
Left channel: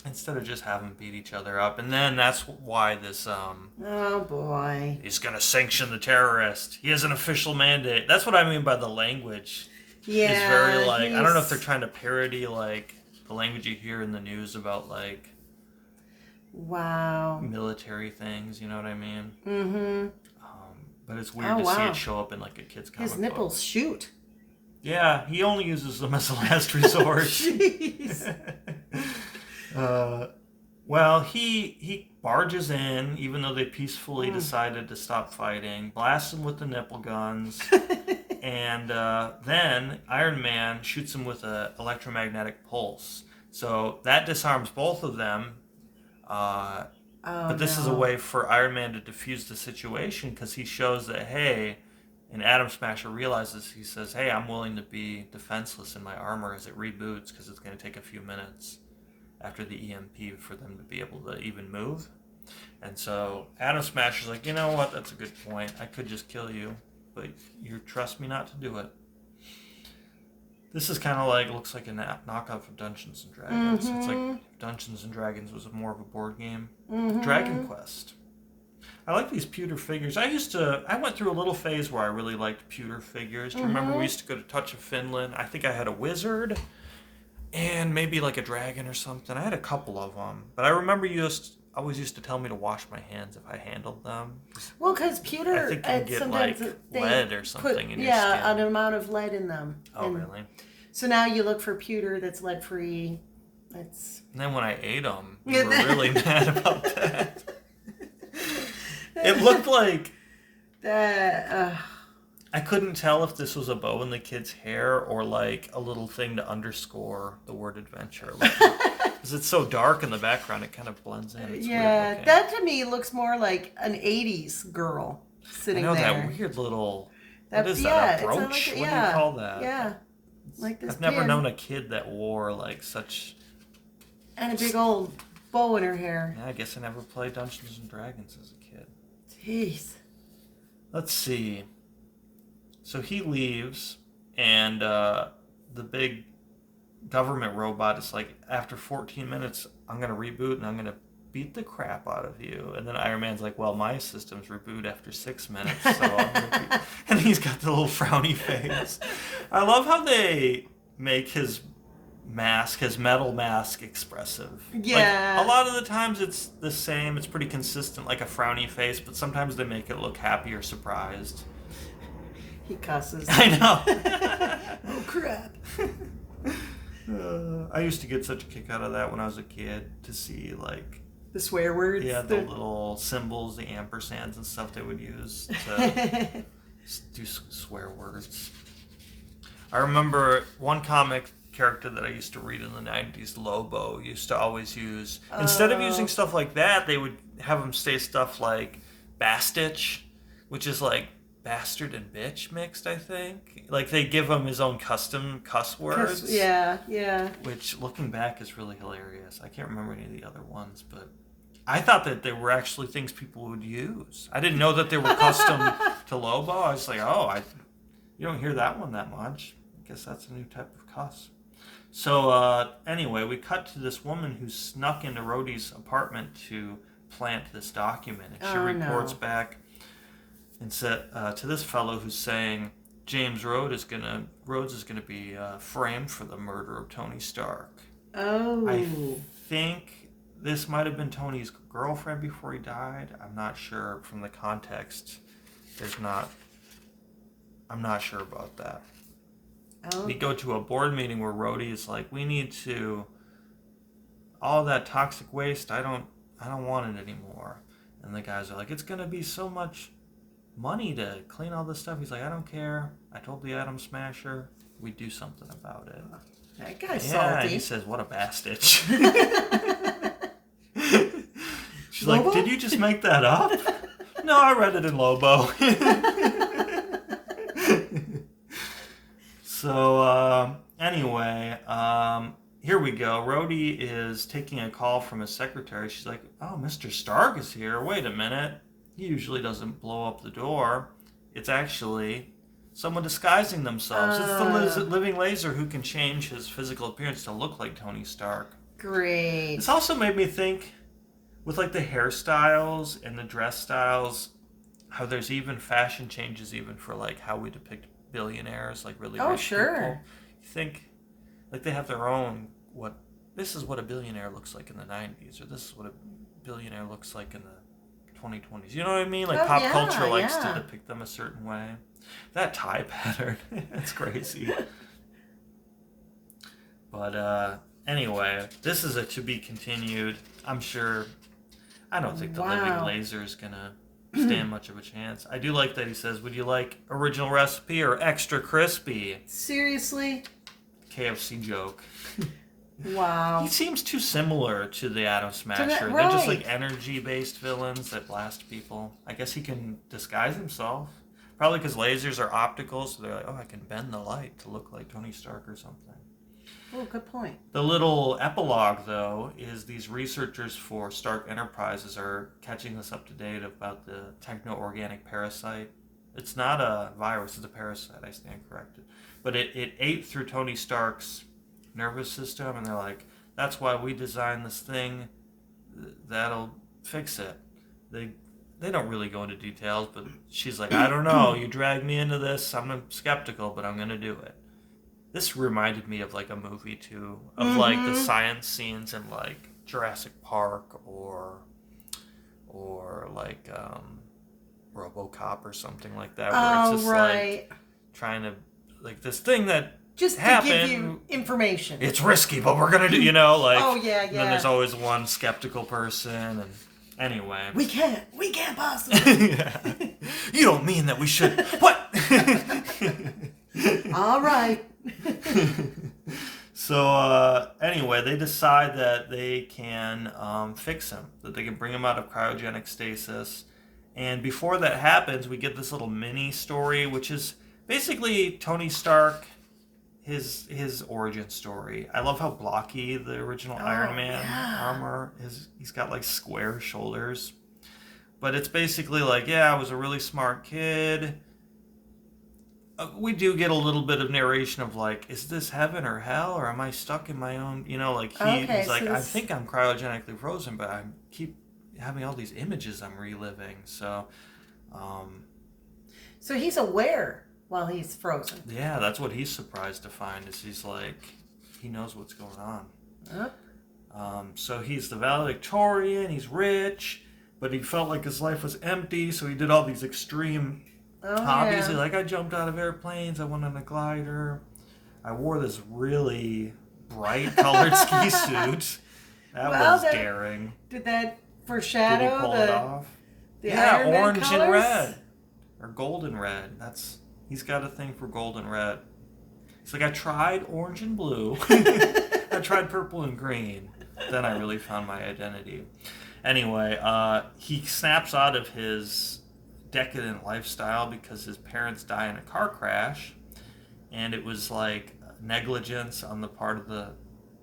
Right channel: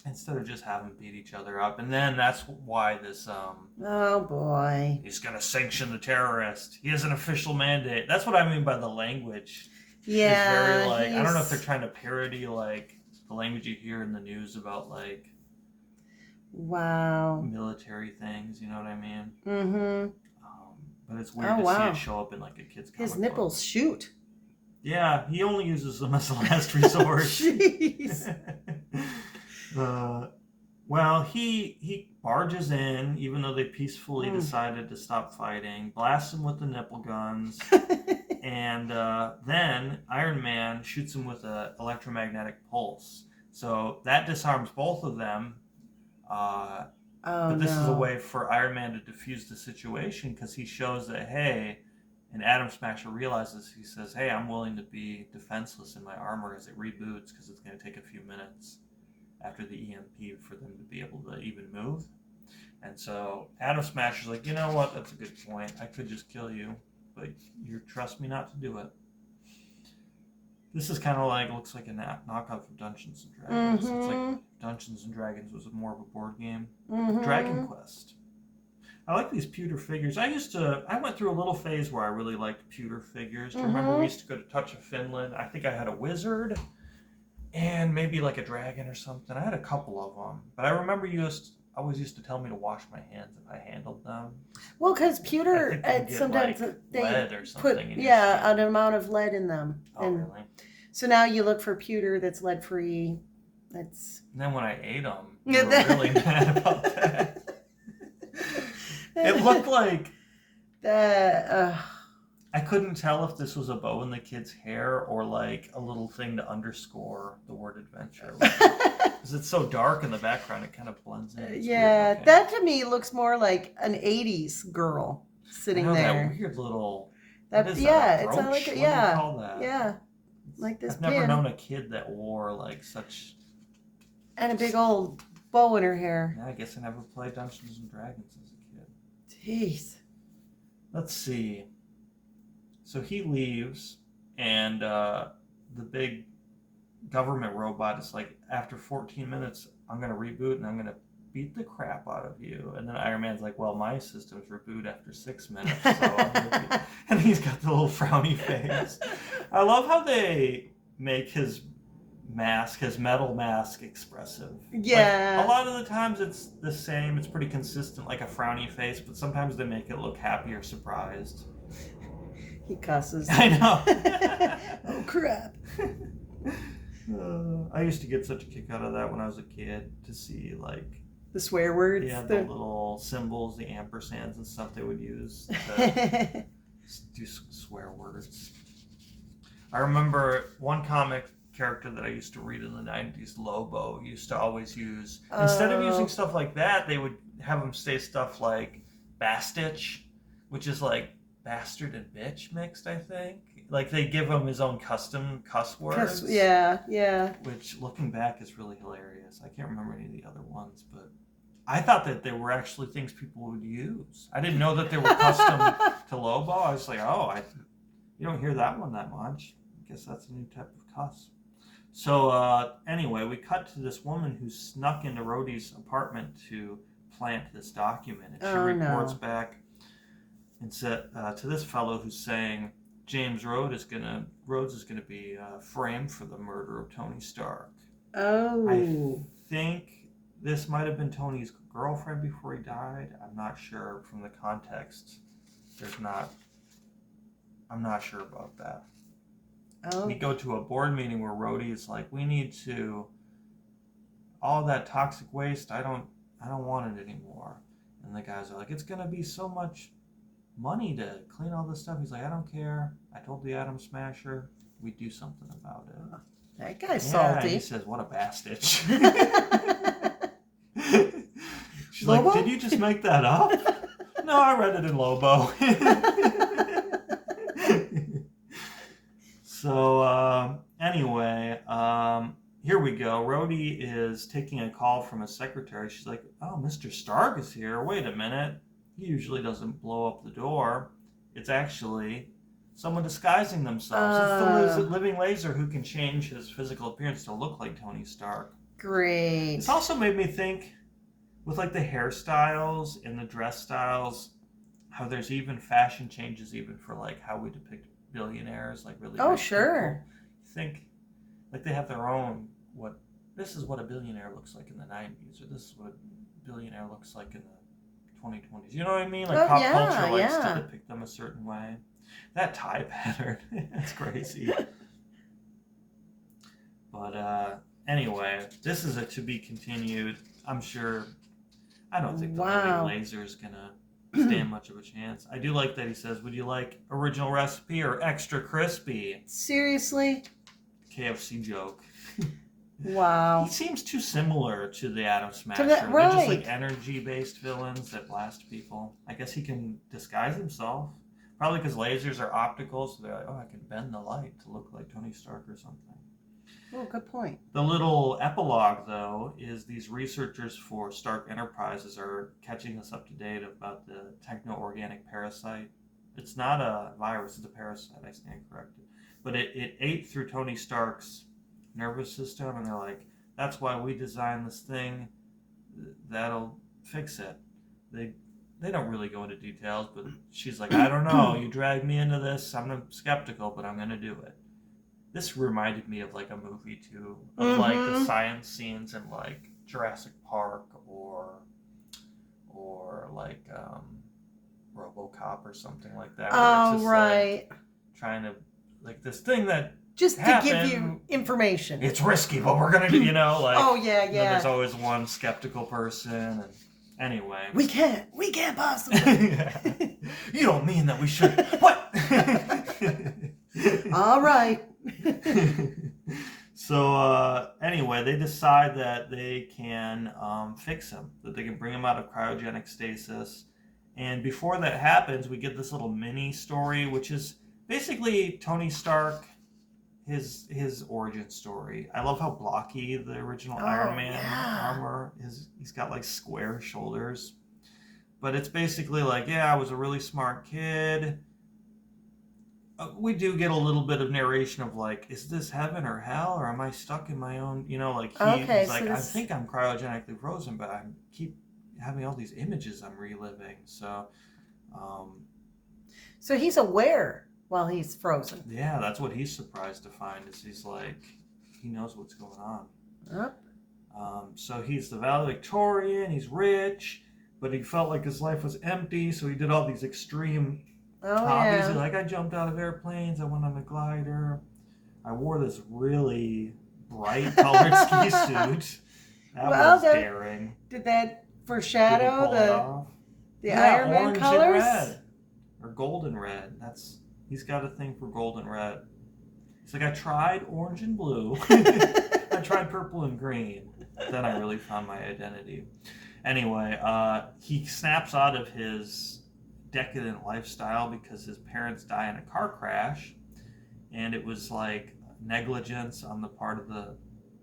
Instead of just having beat each other up. And then that's why this Oh boy. he's gonna sanction the terrorist. He has an official mandate. That's what I mean by the language. Yeah. It's very like, I don't know if they're trying to parody like the language you hear in the news about like Wow. military things, you know what I mean? Mm-hmm. But it's weird to see it show up in like a kid's comic His nipples book. shoot. Yeah, he only uses them as a last resort. Jeez. Well, he barges in, even though they peacefully decided to stop fighting, blasts him with the nipple guns, and then Iron Man shoots him with an electromagnetic pulse. So that disarms both of them. But this is a way for Iron Man to defuse the situation because he shows that, hey, and Atom Smasher realizes, he says, hey, I'm willing to be defenseless in my armor as it reboots because it's going to take a few minutes after the EMP for them to be able to even move. And so Atom Smasher's like, you know what, that's a good point. I could just kill you, but you trust me not to do it. This is kind of like, looks like a knockoff of Dungeons & Dragons. It's like Dungeons & Dragons was more of a board game. Dragon Quest. I like these pewter figures. I went through a little phase where I really liked pewter figures. Do you remember we used to go to Touch of Finland? I think I had a wizard and maybe like a dragon or something. I had a couple of them. But I remember you always used to tell me to wash my hands if I handled them. Well, because pewter, sometimes like they lead or something put, in your skin. an amount of lead in them. Oh, really? So now you look for pewter that's lead-free. And then when I ate them, you were really mad about that. It looked like I couldn't tell if this was a bow in the kid's hair or like a little thing to underscore the word adventure. Because it's so dark in the background, it kind of blends in. It's weird looking. That to me looks more like an 80s girl sitting there. That weird little... What is that, a brooch? What do you call that? Yeah, like this I've never known a kid that wore like such... And a big old bow in her hair. Yeah, I guess I never played Dungeons & Dragons as a kid. Jeez. Let's see. So he leaves, and the big government robot is like, after 14 minutes, I'm going to reboot and I'm going to beat the crap out of you. And then Iron Man's like, well, my systems reboot after 6 minutes. So I'm gonna and he's got the little frowny face. I love how they make his mask, his metal mask, expressive. Yeah. Like, a lot of the times it's the same. It's pretty consistent, like a frowny face, but sometimes they make it look happy or surprised. He cusses. I know. Oh, crap. I used to get such a kick out of that when I was a kid, to see, like... The swear words? Yeah, the little symbols, the ampersands and stuff they would use to do swear words. I remember one comic character that I used to read in the 90s, Lobo, used to always use... Instead of using stuff like that, they would have him say stuff like bastich, which is like bastard and bitch mixed, I think. Like, they give him his own custom cuss words. Yeah. Which, looking back, is really hilarious. I can't remember any of the other ones, but I thought that they were actually things people would use. I didn't know that they were custom to Lobo. I was like, you don't hear that one that much. I guess that's a new type of cuss. So, anyway, we cut to this woman who snuck into Rhodey's apartment to plant this document. And she reports back and said to this fellow who's saying James Rhodes is gonna be framed for the murder of Tony Stark. Oh. I think this might have been Tony's girlfriend before he died. I'm not sure from the context. I'm not sure about that. Oh. We go to a board meeting where Rhodey is like, we need to, all that toxic waste, I don't want it anymore. And the guys are like, it's gonna be so much money to clean all this stuff. He's like, I don't care. I told the Atom Smasher we'd do something about it. That guy's salty. He says, what a bastich. She's Lobo? Like, did you just make that up? No, I read it in Lobo. So, anyway, here we go. Rhodey is taking a call from his secretary. She's like, oh, Mr. Stark is here. Wait a minute. He usually doesn't blow up the door. It's actually someone disguising themselves. It's the living laser who can change his physical appearance to look like Tony Stark. Great. This also made me think, with like the hairstyles and the dress styles, how there's even fashion changes even for like how we depict billionaires, like really rich sure. people. You think like they have their own, this is what a billionaire looks like in the 90s, or this is what a billionaire looks like in the 2020s. You know what I mean? Like pop culture likes to depict them a certain way. That tie pattern, it's crazy. But anyway, this is a to be continued. I'm sure. I don't think the living laser is gonna stand much of a chance. I do like that he says, would you like original recipe or extra crispy? Seriously? KFC joke. Wow. He seems too similar to the Atom Smasher. Right. They're just like energy-based villains that blast people. I guess he can disguise himself. Probably because lasers are optical, so they're like, oh, I can bend the light to look like Tony Stark or something. Oh, good point. The little epilogue, though, is these researchers for Stark Enterprises are catching us up to date about the techno-organic parasite. It's not a virus, it's a parasite, I stand corrected. But it ate through Tony Stark's nervous system, and they're like, that's why we designed this thing that'll fix it. They don't really go into details, but she's like, I don't know, you dragged me into this, I'm skeptical, but I'm going to do it. This reminded me of like a movie too, of like the science scenes in like Jurassic Park or like RoboCop or something like that. Where it's just like trying to, like this thing that just happened, to give you information. It's risky, but we're gonna do, like. Oh yeah. And then there's always one skeptical person, and anyway. We can't possibly. Yeah. You don't mean that we should. What? All right. So anyway, they decide that they can fix him, that they can bring him out of cryogenic stasis. And before that happens, we get this little mini story, which is basically Tony Stark, his origin story. I love how blocky the original Iron Man armor is. He's got like square shoulders. But it's basically like, I was a really smart kid. We do get a little bit of narration of like, is this heaven or hell, or am I stuck in my own, he's like, I think I'm cryogenically frozen, but I keep having all these images I'm reliving. So he's aware while he's frozen. Yeah, that's what he's surprised to find, is he's like, he knows what's going on. Yep. So he's the valedictorian, he's rich, but he felt like his life was empty, so he did all these extreme hobbies. Yeah. Like, I jumped out of airplanes, I went on a glider, I wore this really bright colored ski suit. That was daring. Did that Did he foreshadow pull it off? the Iron Man orange colors? and red. Or golden red. He's got a thing for golden red. He's like, I tried orange and blue. I tried purple and green. Then I really found my identity. Anyway, he snaps out of his decadent lifestyle because his parents die in a car crash. And it was like negligence on the part of the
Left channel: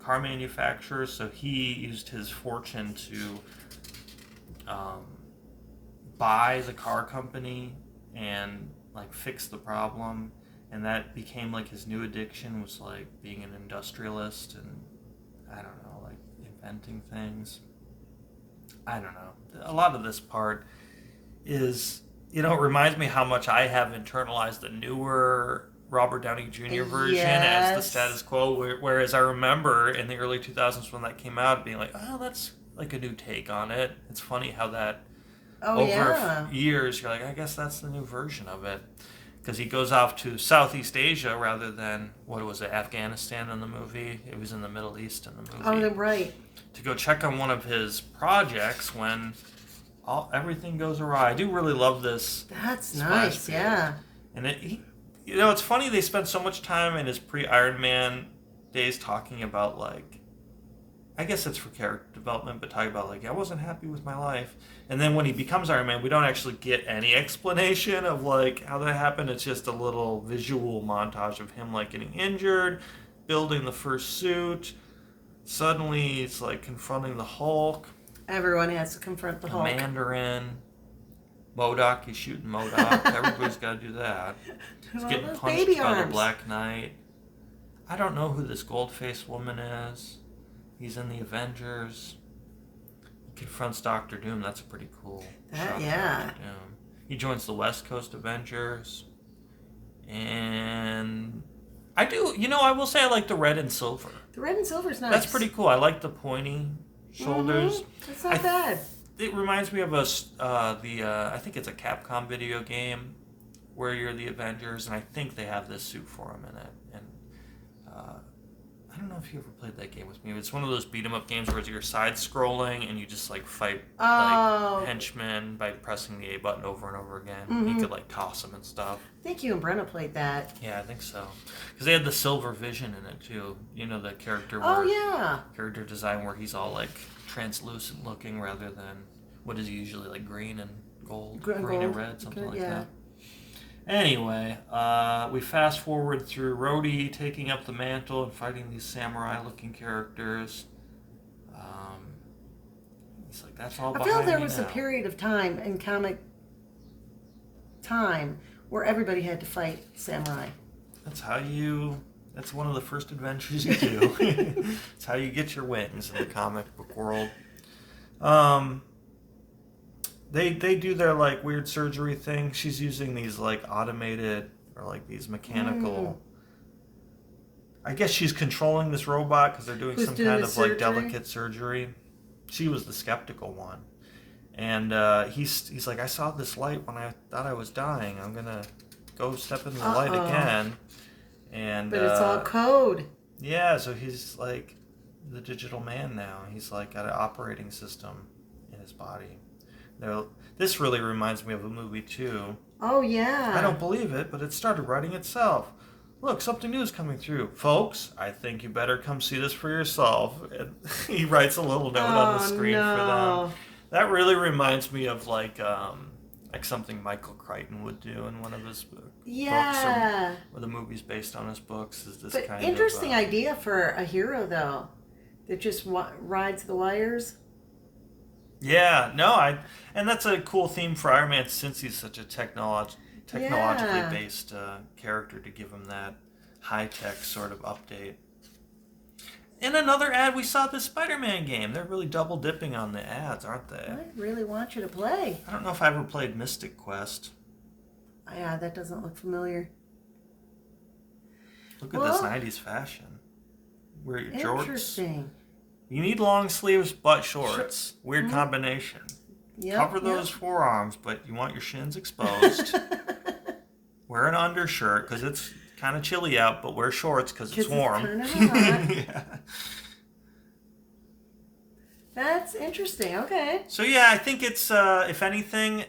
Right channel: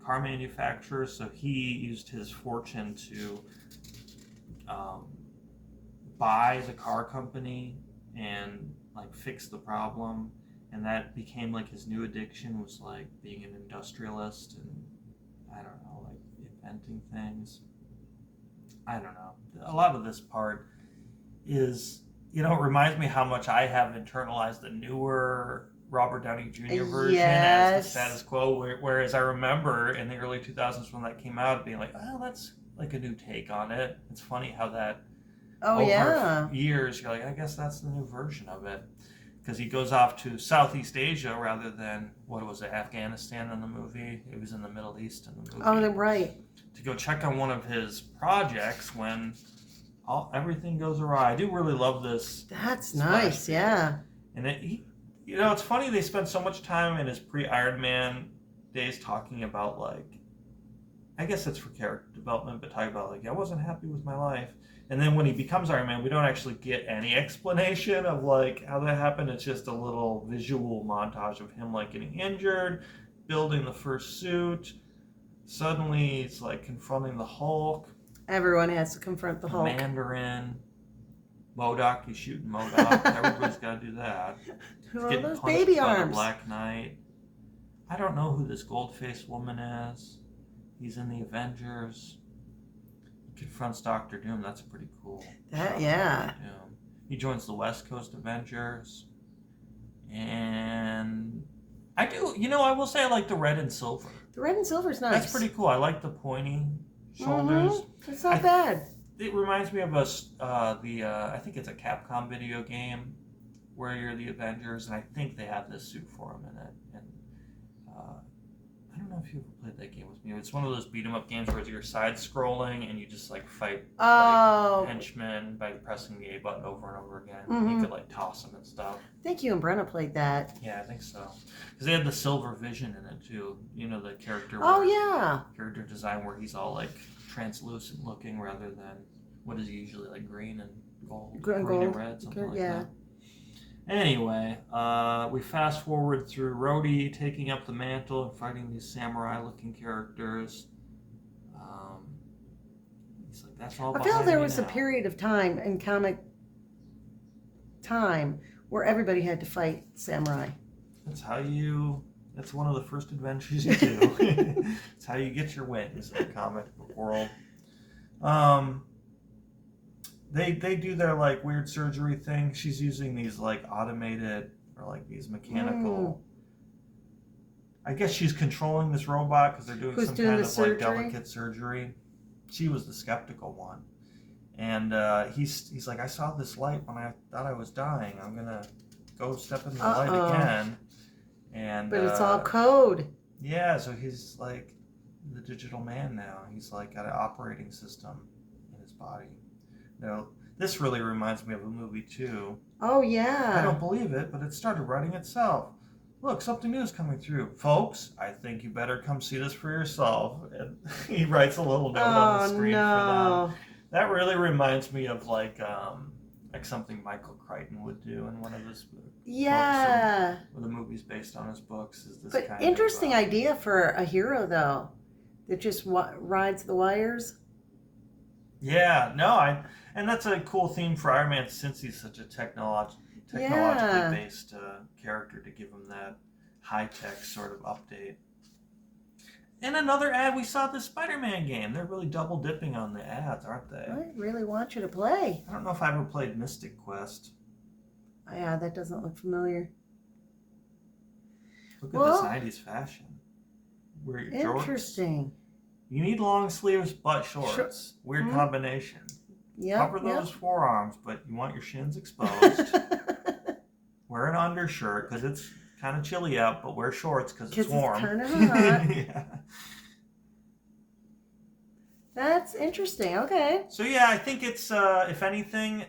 car manufacturer. So he used his fortune to buy the car company and like fix the problem, and that became like his new addiction, was like being an industrialist and I don't know, like inventing things. I don't know. A lot of this part is, it reminds me how much I have internalized the newer Robert Downey Jr. version as the status quo, whereas I remember in the early 2000s when that came out being like, oh, that's like a new take on it. It's funny how that over years, you're like, I guess that's the new version of it. Because he goes off to Southeast Asia rather than, what was it, Afghanistan in the movie? It was in the Middle East in the movie. Oh, right. To go check on one of his projects when everything goes awry. I do really love this. That's nice, yeah. And it's funny they spent so much time in his pre-Iron Man days talking about, like, I guess it's for character development, but talking about, like, I wasn't happy with my life. And then when he becomes Iron Man, we don't actually get any explanation of, like, how that happened. It's just a little visual montage of him, like, getting injured, building the first suit. Suddenly, he's, like, confronting the Hulk. Everyone has to confront the Hulk. Mandarin. MODOK, he's shooting MODOK. Everybody's got to do that. He's getting punched by the Black Knight. I don't know who this gold-faced woman is. He's in the Avengers. He confronts Doctor Doom. That's pretty cool. Yeah. He joins the West Coast Avengers. And I will say I like the red and silver. The red and silver's nice. That's pretty cool. I like the pointy shoulders. It's not bad. It reminds me of I think it's a Capcom video game where you're the Avengers, and I think they have this suit for him in it. And I don't know if you ever played that game with me. It's one of those beat 'em up games where you're side scrolling and you just like fight like henchmen by pressing the A button over and over again. Mm-hmm. You could like toss them and stuff. I think you and Brenna played that. Yeah, I think so. Because they had the silver vision in it too. The character. Character design where he's all like translucent looking rather than what is usually like green and gold, green and red, something like that. Anyway, we fast forward through Rhodey taking up the mantle and fighting these samurai-looking characters. He's like, that's all behind me now. I feel there was a period of time in comic time where everybody had to fight samurai. That's one of the first adventures you do. It's how you get your wings in the comic book world. They do their like weird surgery thing. She's using these like automated or like these mechanical. I guess she's controlling this robot because they're doing some kind of like delicate surgery. She was the skeptical one, and he's like, I saw this light when I thought I was dying. I'm gonna go step in the light again. But it's all code. Yeah, so he's like the digital man now. He's like got an operating system in his body. This really reminds me of a movie too. Oh yeah. I don't believe it, but it started writing itself. Look, something new is coming through. Folks, I think you better come see this for yourself. And he writes a little note on the screen for them. That really reminds me of like something Michael Crichton would do in one of his books. Yeah. Or the movies based on his books is this kind of interesting idea for a hero though, that just rides the wires. Yeah, and that's a cool theme for Iron Man since he's such a technologically based character, to give him that high-tech sort of update. In another ad, we saw the Spider-Man game. They're really double-dipping on the ads, aren't they? I really want you to play. I don't know if I ever played Mystic Quest. Yeah, that doesn't look familiar. Look at this 90s fashion. wear your shorts. Interesting. You need long sleeves but shorts. Weird combination. Yep, Cover those forearms, but you want your shins exposed. Wear an undershirt because it's kind of chilly out, but wear shorts because it's warm. It's kind of hot. Yeah. That's interesting. Okay. So yeah, I think it's if anything,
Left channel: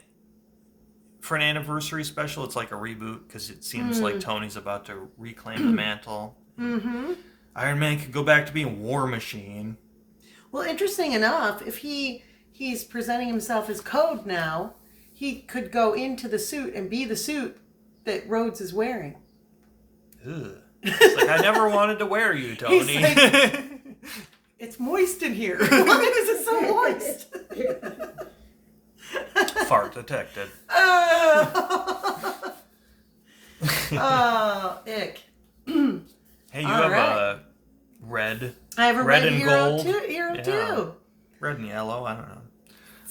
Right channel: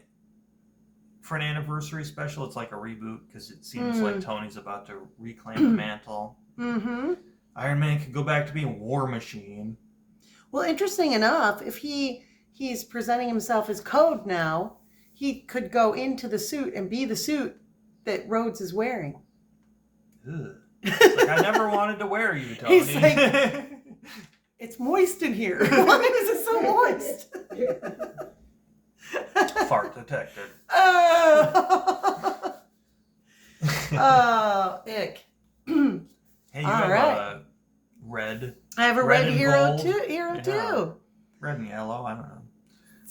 for an anniversary special, it's like a reboot because it seems like Tony's about to reclaim the mantle. Mm-hmm. Iron Man could go back to being War Machine. Well, interesting enough, if he's presenting himself as Code now, he could go into the suit and be the suit that Rhodes is wearing. Ugh. It's like, I never wanted to wear you, Tony. He's like, it's moist in here. Why is it so moist? Fart detective. Ick. Hey, you have a red. I have a red hero too. Red and yellow. I don't know.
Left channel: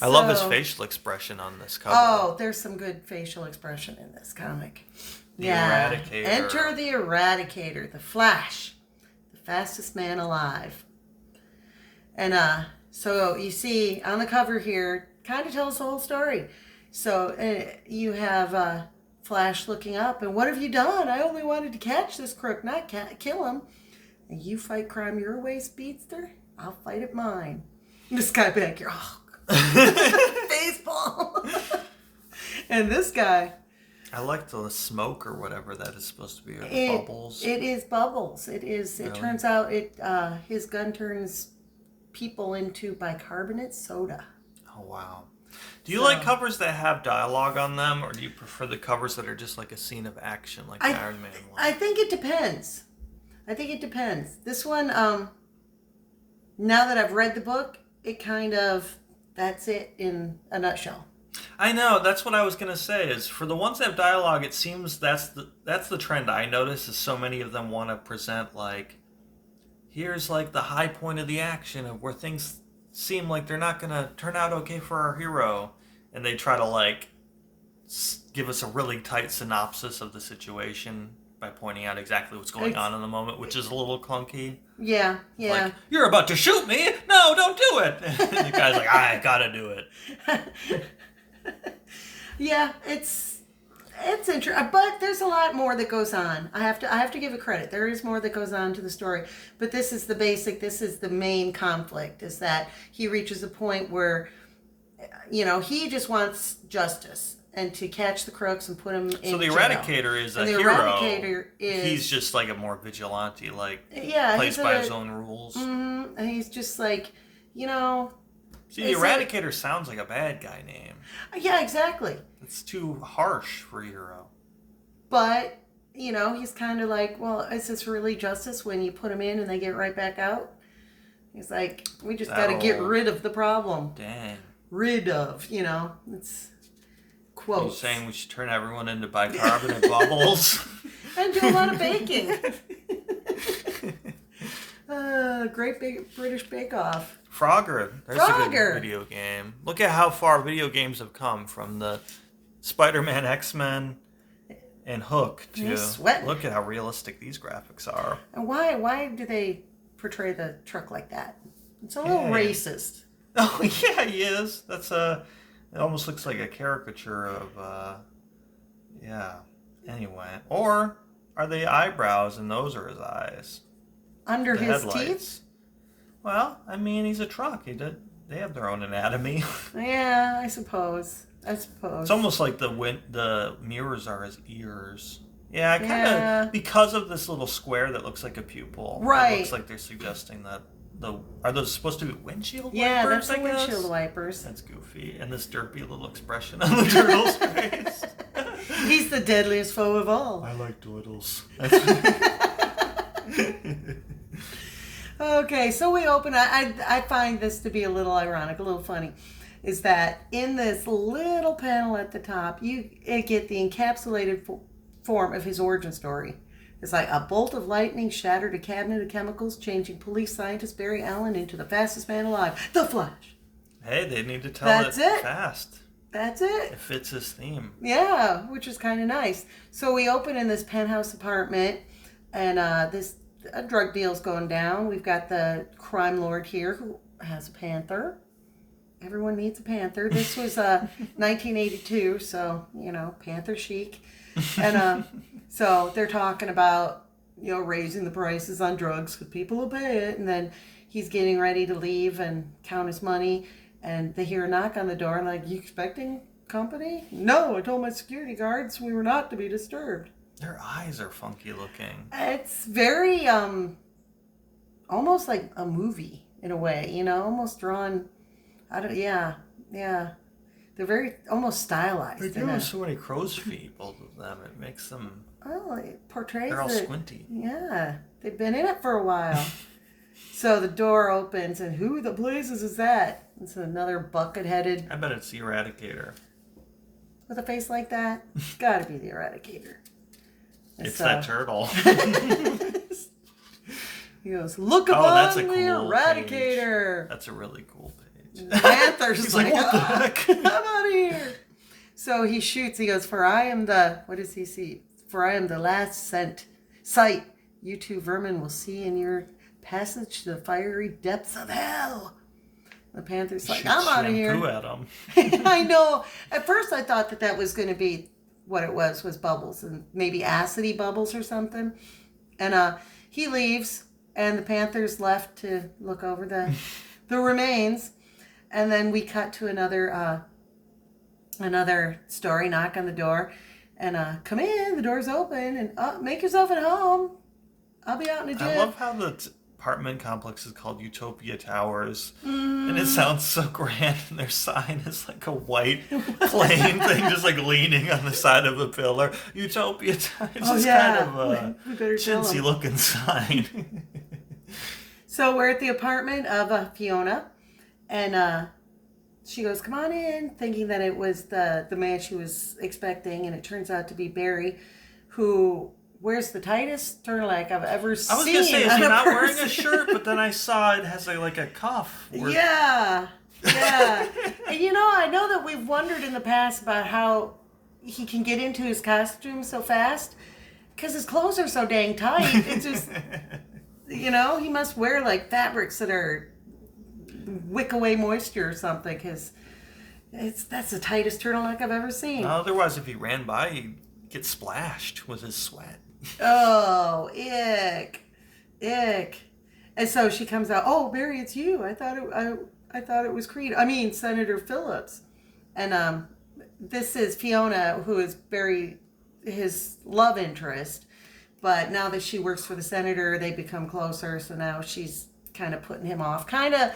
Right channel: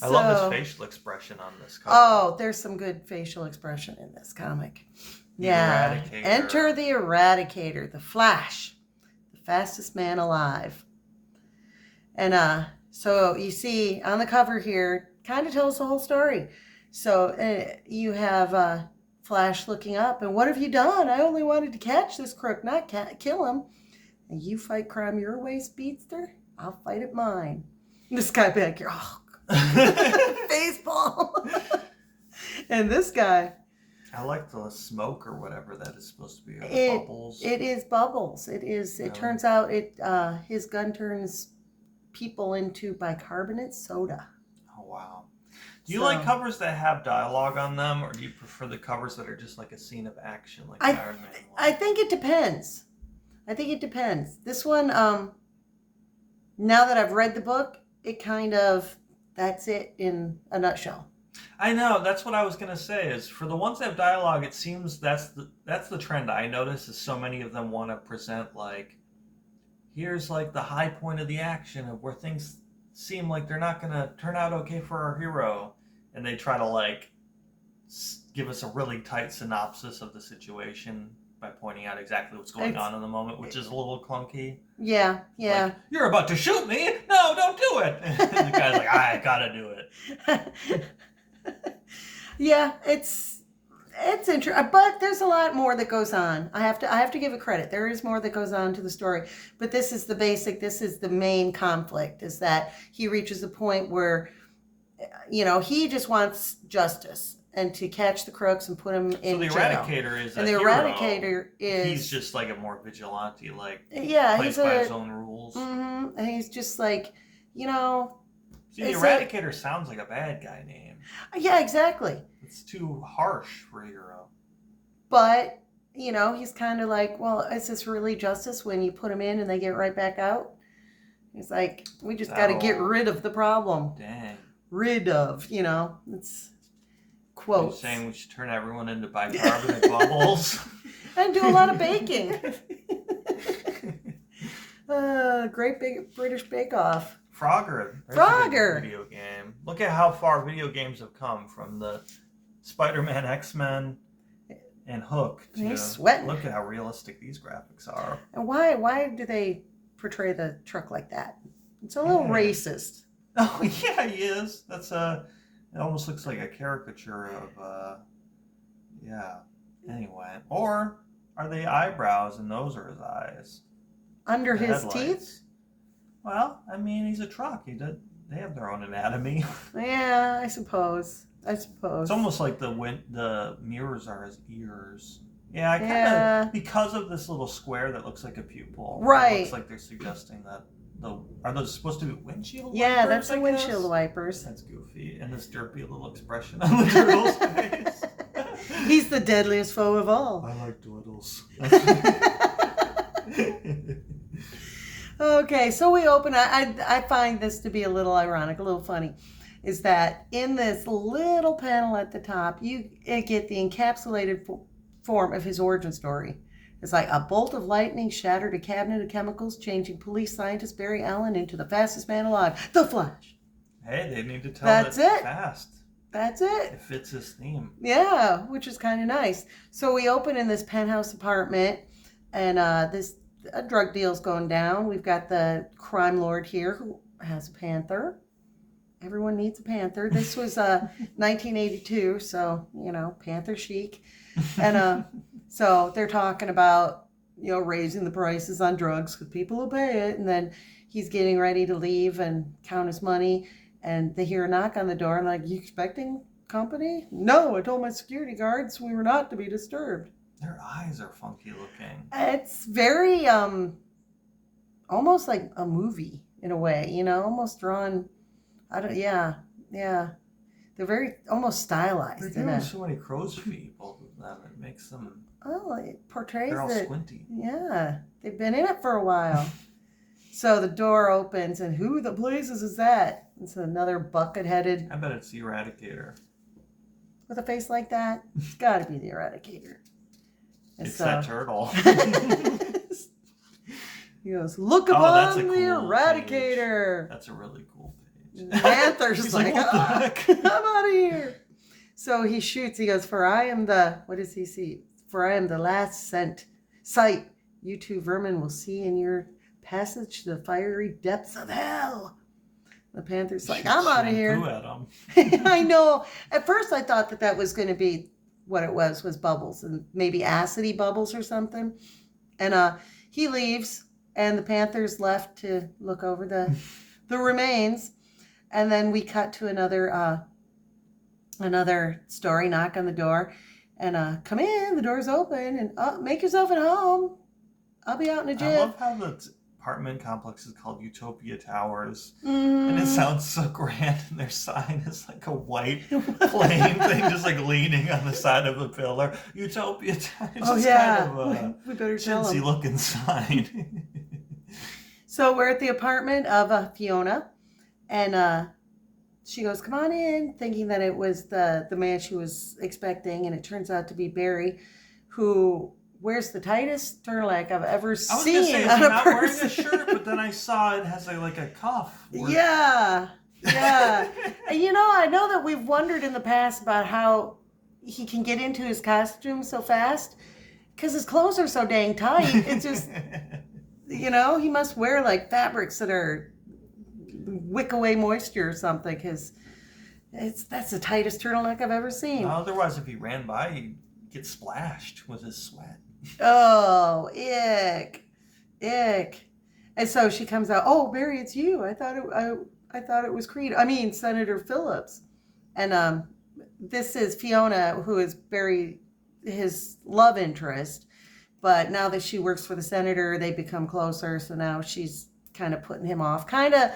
I love his facial expression on this cover. Oh, there's some good facial expression in this comic. The Eradicator. Enter the Eradicator, the Flash, the fastest man alive. And so you see on the cover here, kind of tells the whole story. So you have Flash looking up, and what have you done? I only wanted to catch this crook, not kill him. And you fight crime your way, Speedster? I'll fight it mine. And this guy back here, baseball. And this guy. I like the smoke or whatever that is supposed to be. Bubbles. It is bubbles. It is. It turns out his gun turns people into bicarbonate soda. Oh wow. Do you like covers that have dialogue on them, or do you prefer the covers that are just like a scene of action, like Iron Man? I think it depends. This one, now that I've read the book, it kind of, that's it in a nutshell. I know, that's what I was going to say, is for the ones that have dialogue, it seems that's the trend I notice, is so many of them want to present like, here's like the high point of the action of where things seem like they're not going to turn out okay for our hero. And they try to like give us a really tight synopsis of the situation by pointing out exactly what's going on in the moment, which is a little clunky. Yeah. Like, you're about to shoot me? No, don't do it. And the guy's like, I gotta do it. Yeah, it's interesting, but there's a lot more that goes on. I have to give it credit. There is more that goes on to the story, but this is the main conflict, is that he reaches a point where, he just wants justice and to catch the crooks and put them in jail. So the Eradicator is a hero. Eradicator is... He's just like a more vigilante, plays by his own rules. Mm-hmm, and he's just like, See, the Eradicator sounds like a bad guy name. Yeah, exactly. It's too harsh for a hero. But, he's kind of like, well, is this really justice when you put them in and they get right back out? He's like, we just got to get rid of the problem. Dang. Rid of, it's quotes. You're saying we should turn everyone into bicarbonate bubbles? And do a lot of baking. Great big British Bake Off. Frogger. There's a good video game. Look at how far video games have come from the Spider-Man, X-Men, and Hook to look at how realistic these graphics are. And why do they portray the truck like that? It's a little racist. Oh yeah, he is. That's it almost looks like a caricature of Anyway, or are they eyebrows and those are his eyes? Under his teeth? Well, I mean, he's a truck. They have their own anatomy. Yeah, I suppose. It's almost like the mirrors are his ears. Yeah, I kind of because of this little square that looks like a pupil. Right. It looks like they're suggesting that are those supposed to be windshield wipers? Yeah, that's the windshield wipers. That's goofy. And this derpy little expression on the turtle's face. He's the deadliest foe of all. I like turtles. Okay, so we open. I find this to be a little ironic, a little funny, is that in this little panel at the top, you get the encapsulated form of his origin story. It's like a bolt of lightning shattered a cabinet of chemicals, changing police scientist Barry Allen into the fastest man alive, the Flash. Hey, they need to tell it fast. That's it. It fits his theme. Yeah, which is kind of nice. So we open in this penthouse apartment, and a drug deal's going down. We've got the crime lord here who has a panther. Everyone needs a panther. This was 1982, so, panther chic. And so they're talking about, raising the prices on drugs because people will pay it. And then he's getting ready to leave and count his money. And they hear a knock on the door and like, you expecting company? No, I told my security guards we were not to be disturbed. Their eyes are funky looking. It's very, almost like a movie in a way, almost drawn... yeah. They're very, almost stylized. They're doing so many crow's feet, both of them. It makes them... Oh, it portrays they're all it. squinty. Yeah, they've been in it for a while. So the door opens, and who the blazes is that? It's another bucket-headed... I bet it's the Eradicator. With a face like that? It's got to be the Eradicator. It's that turtle. He goes, look upon that's a the cool Eradicator. Page. That's a really cool page. Panther's He's like, what the heck? I'm out of here. So he shoots. He goes, for I am the, what does he see? For I am the last sight you two vermin will see in your passage to the fiery depths of hell. The Panther's like, I'm out of here. At him. I know. At first I thought that was going to be what it was bubbles and maybe acidy bubbles or something. And he leaves and the Panther's left to look over the remains. And then we cut to another story, knock on the door, and come in, the door's open, and make yourself at home. I'll be out in a jiff. I love how the apartment complex is called Utopia Towers, and it sounds so grand, and their sign is like a white plain thing just like leaning on the side of a pillar. Utopia Towers. It's kind of a chintzy looking sign. So we're at the apartment of Fiona, and she goes, come on in, thinking that it was the man she was expecting, and it turns out to be Barry, who wears the tightest turtleneck I've ever seen. I was going to say, is he not wearing a shirt, but then I saw it has like a cuff. Yeah. And I know that we've wondered in the past about how he can get into his costume so fast, because his clothes are so dang tight. It's just, he must wear like fabrics that are wick away moisture or something, because that's the tightest turtleneck I've ever seen. Otherwise, if he ran by, he'd get splashed with his sweat. Oh, ick. And so she comes out, oh, Barry, it's you. I thought it was Senator Phillips. And this is Fiona, who is Barry, his love interest. But now that she works for the senator, they become closer. So now she's kind of putting him off. Kind of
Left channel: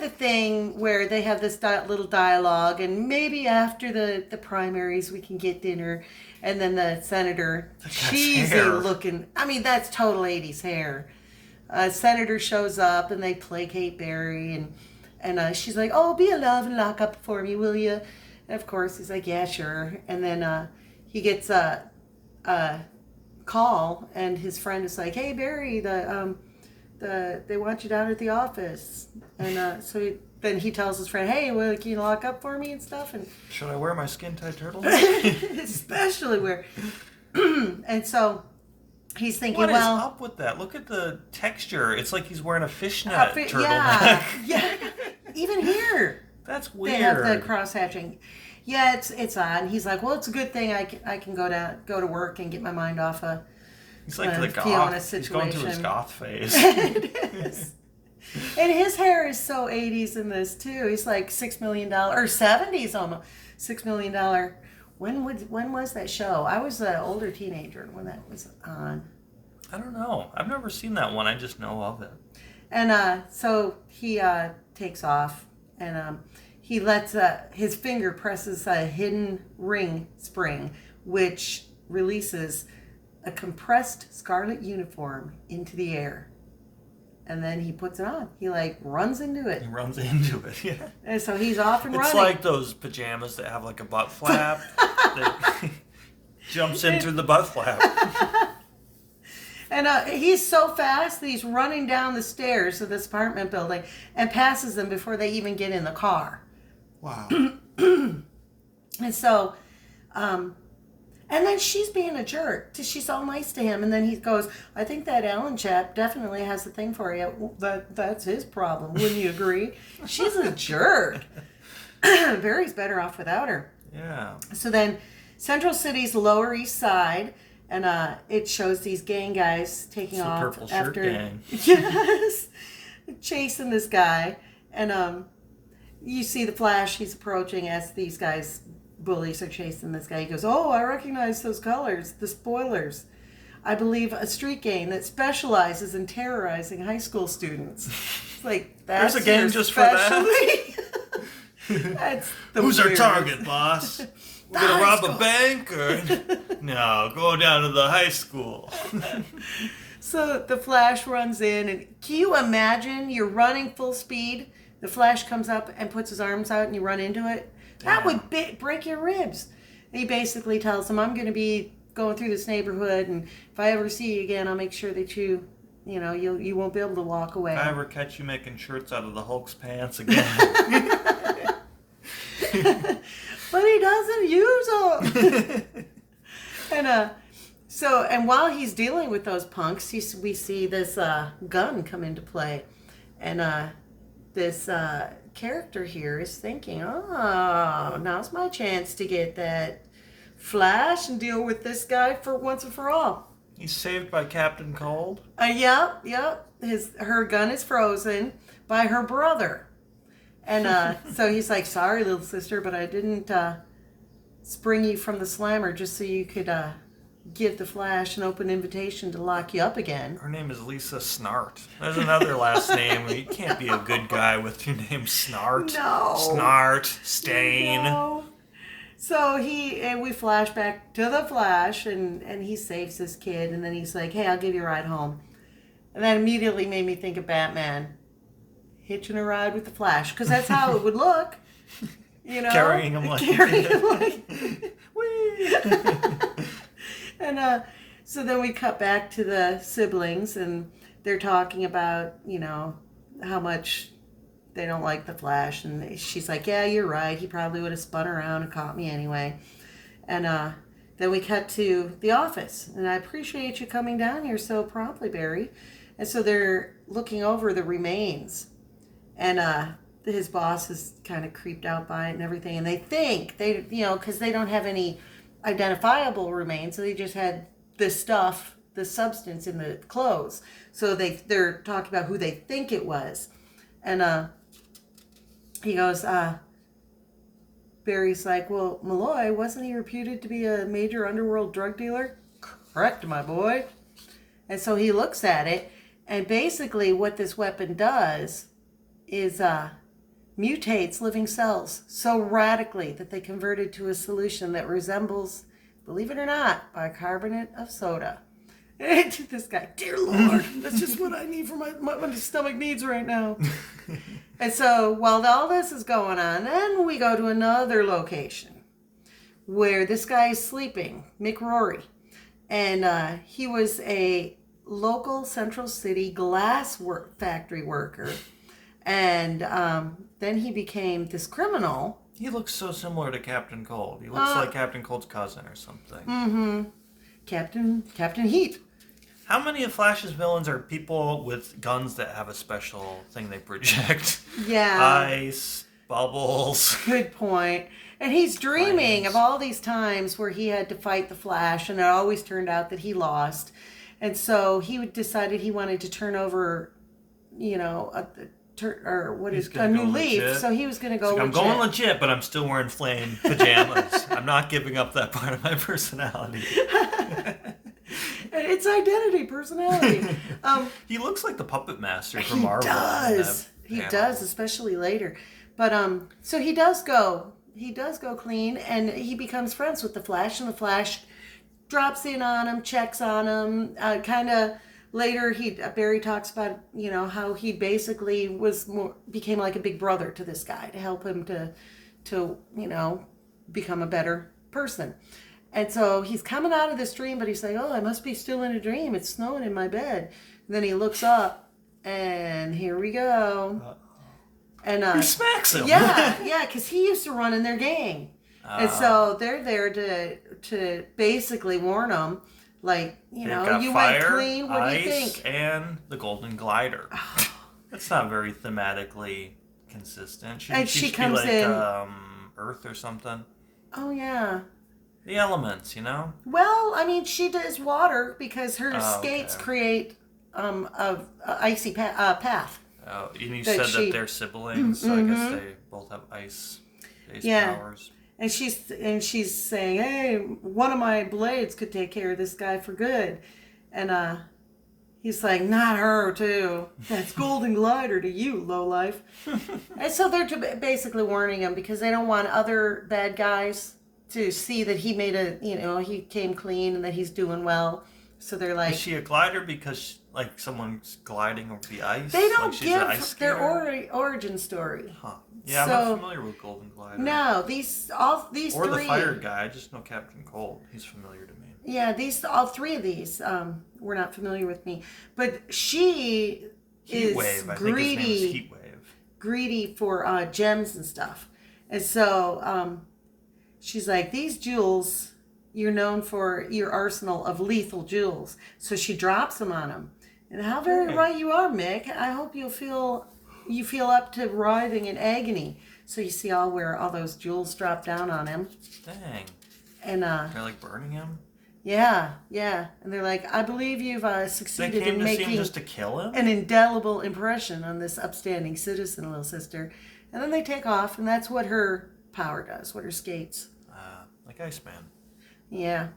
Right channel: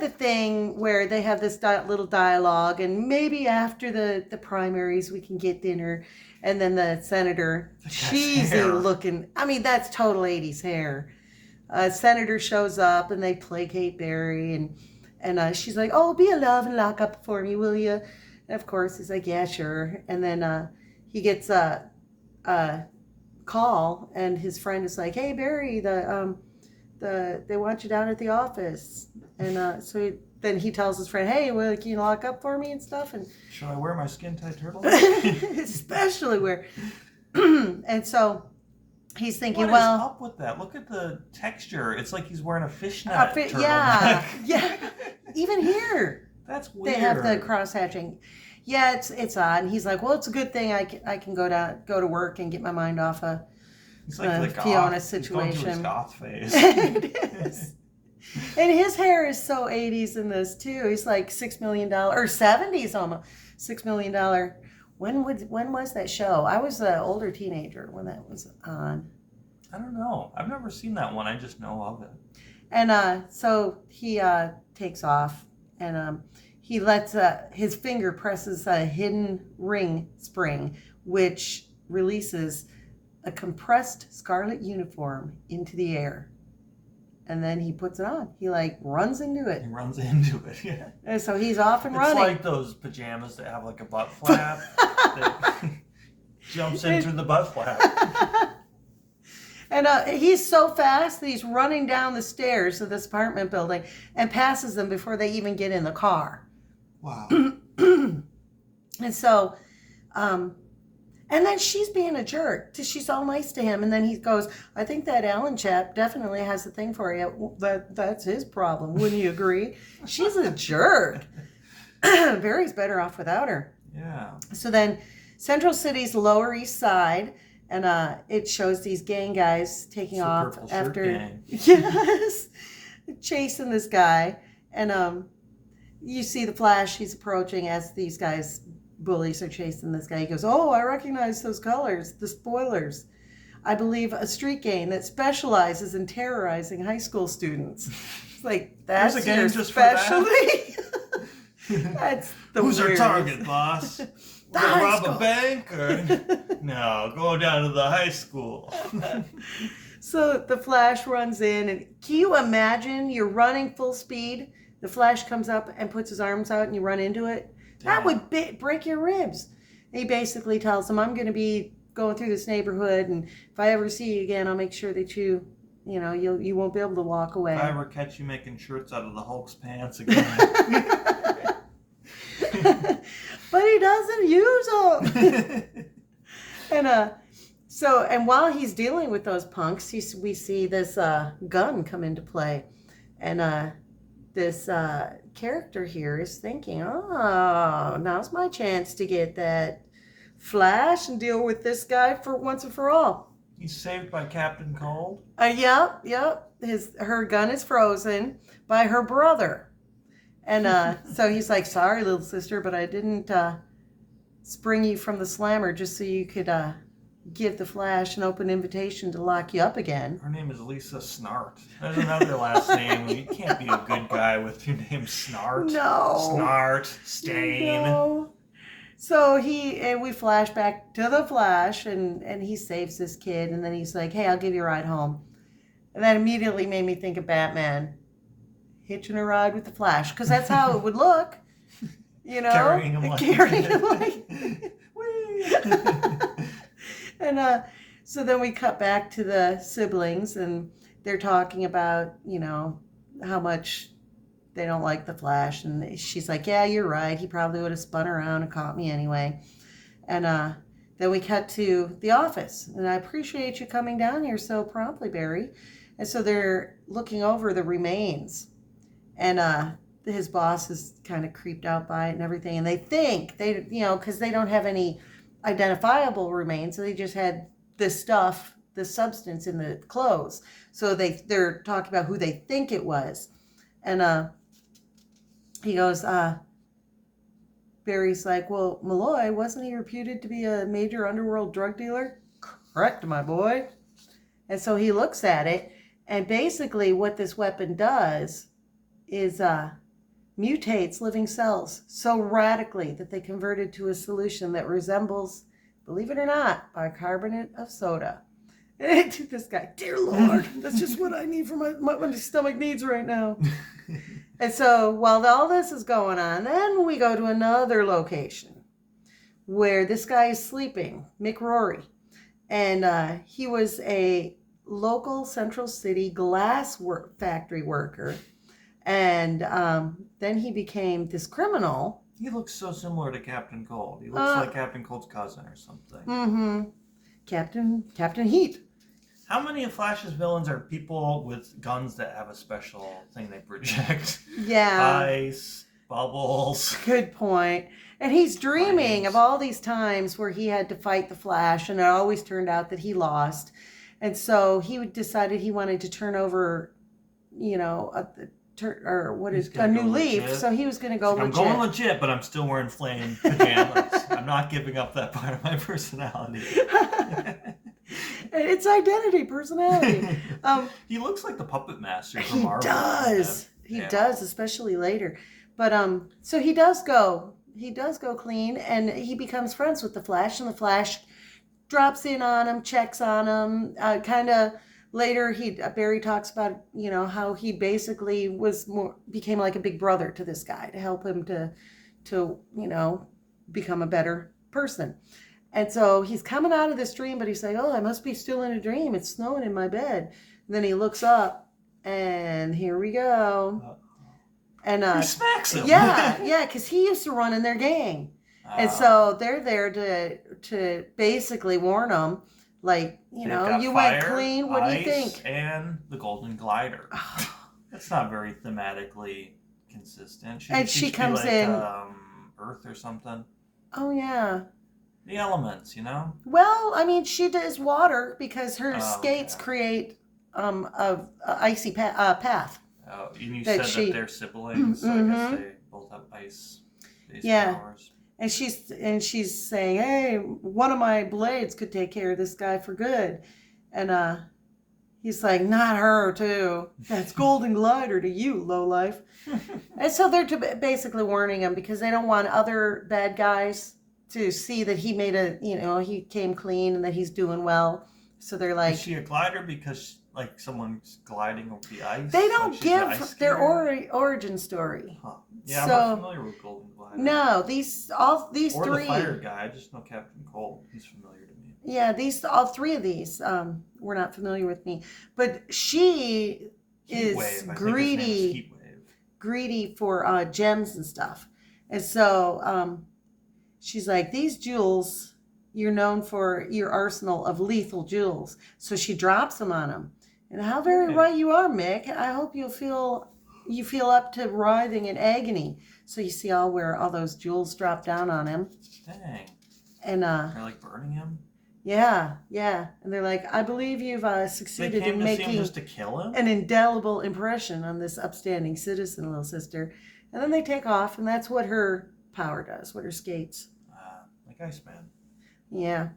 the thing where they have this little dialogue, and maybe after the primaries we can get dinner. And then the senator, cheesy looking, that's total 80s hair. Senator shows up and they placate Barry, and she's like, oh, be a love and lock up for me, will you? And of course he's like, yeah, sure. And then he gets a call, and his friend is like, hey, Barry, they want you down at the office. And then he tells his friend, hey, well, can you lock up for me and stuff? And should I wear my skin-tight turtleneck? Especially where... And so he's thinking, what is up with that? Look at the texture. It's like he's wearing a fishnet turtleneck. Yeah. Even here. That's weird. They have the cross-hatching. Yeah, it's odd. And he's like, well, it's a good thing I can go to work and get my mind off of he's like the Fiona goth. situation. He's going through his goth phase. It is. And his hair is so 80s in this too. He's like $6 million or 70s almost. $6 million. When was that show? I was an older teenager when that was on. I don't know. I've never seen that one. I just know of it. And so he takes off, and he lets his finger presses a hidden ring spring, which releases a compressed scarlet uniform into the air. And then he puts it on. He runs into it. He runs into it, yeah. And so he's off and running. It's like those pajamas that have like a butt flap that jumps in through the butt flap. And he's so fast that he's running down the stairs of this apartment building and passes them before they even get in the car. Wow. And so, And then she's being a jerk. She's all nice to him. And then he goes, I think that Alan chap definitely has a thing for you. Well, that's his problem. Wouldn't you agree? She's a jerk. Barry's better off without her. Yeah. So then Central City's Lower East Side. And it shows these gang guys taking off after. Gang. Yes. Chasing this guy. And you see the Flash. He's approaching as these guys... bullies are chasing this guy. He goes, oh, I recognize those colors, the spoilers. I believe a street gang that specializes in terrorizing high school students. It's like, that's there's a gang just for that. That's the Who's weird. our target, boss? We're gonna rob a bank or no? Go down to the high school. So the Flash runs in, and can you imagine you're running full speed? The Flash comes up and puts his arms out, and you run into it. That would break your ribs. And he basically tells him, I'm going to be going through this neighborhood, and if I ever see you again, I'll make sure that you won't be able to walk away. If I ever catch you making shirts out of the Hulk's pants again. But he doesn't use them. And while he's dealing with those punks, we see this gun come into play. And this... character here is thinking, oh, now's my chance to get that Flash and deal with this guy for once and for all. He's saved by Captain Cold. Yep. Her gun is frozen by her brother, and so he's like, sorry, little sister, but I didn't spring you from the slammer just so you could give the Flash an open invitation to lock you up again. Her name is Lisa Snart. There's another last name. You can't be a good guy with your name Snart. No. Snart. Stain. No. So we flash back to the Flash, and he saves this kid, and then he's like, hey, I'll give you a ride home. And that immediately made me think of Batman hitching a ride with the Flash, because that's how it would look. You know? Carrying him like... And so then we cut back to the siblings, and they're talking about, how much they don't like the Flash. And she's like, yeah, you're right. He probably would have spun around and caught me anyway. And then we cut to the office. And I appreciate you coming down here so promptly, Barry. And so they're looking over the remains. And his boss is kind of creeped out by it and everything. And they think, because they don't have any identifiable remains, so they just had this stuff, the substance in the clothes. So they're talking about who they think it was. And he goes, Barry's like, well, Malloy, wasn't he reputed to be a major underworld drug dealer? Correct, my boy. And so he looks at it, and basically what this weapon does is mutates living cells so radically that they converted to a solution that resembles, believe it or not, bicarbonate of soda. This guy, dear Lord, that's just what I need for my stomach needs right now. And so while all this is going on, then we go to another location where this guy is sleeping, Mick Rory. And he was a local Central City glass factory worker. And then he became this criminal. He looks so similar to Captain Cold. He looks like Captain Cold's cousin or something. Mm-hmm. Captain Heat. How many of Flash's villains are people with guns that have a special thing they project? Yeah. Ice, bubbles. Good point. And he's dreaming of all these times where he had to fight the Flash, and it always turned out that he lost. And so he decided he wanted to turn over, a new leaf. Legit. So he was going to go legit. I'm going legit, but I'm still wearing flame pajamas. I'm not giving up that part of my personality. It's identity, personality. He looks like the puppet master from Marvel. He does, especially later. But so he does go clean, and he becomes friends with the Flash, and the Flash drops in on him, checks on him, kind of. Later, Barry talks about, how he basically became like a big brother to this guy to help him to become a better person. And so he's coming out of this dream, but he's like, oh, I must be still in a dream. It's snowing in my bed. And then he looks up, and here we go. And he smacks him. Yeah, because he used to run in their gang. And so they're there to basically warn them, like, you went clean. What do you think? And the Golden Glider. That's not very thematically consistent. She comes like, in Earth or something. Oh yeah. The elements, Well, I mean, she does water because her skates create a icy path. Oh, and you said that they're siblings, so I guess they both have ice-based powers. And she's saying, "Hey, one of my blades could take care of this guy for good," and he's like, "Not her, too. That's Golden Glider to you, lowlife." And so they're basically warning him because they don't want other bad guys to see that he made he came clean and that he's doing well. So they're like... Is she a glider because, someone's gliding over the ice? They don't give their origin story. Huh. Yeah, I'm not familiar with Golden Glider. No, these three... Or the fire guy. I just know Captain Cold. He's familiar to me. Yeah, all three of these were not familiar with me. But she is Heatwave. greedy. I think his name is Heatwave. Greedy for gems and stuff. And so she's like, these jewels, you're known for your arsenal of lethal jewels. So she drops them on him. And how very right you are, Mick. I hope you feel up to writhing in agony. So you see where all those jewels drop down on him. Dang. And they're burning him? Yeah. And they're like, I believe you've succeeded in making just to kill him? an indelible impression on this upstanding citizen, little sister. And then they take off, and that's what her power does, what her skates. Like Iceman. Yeah.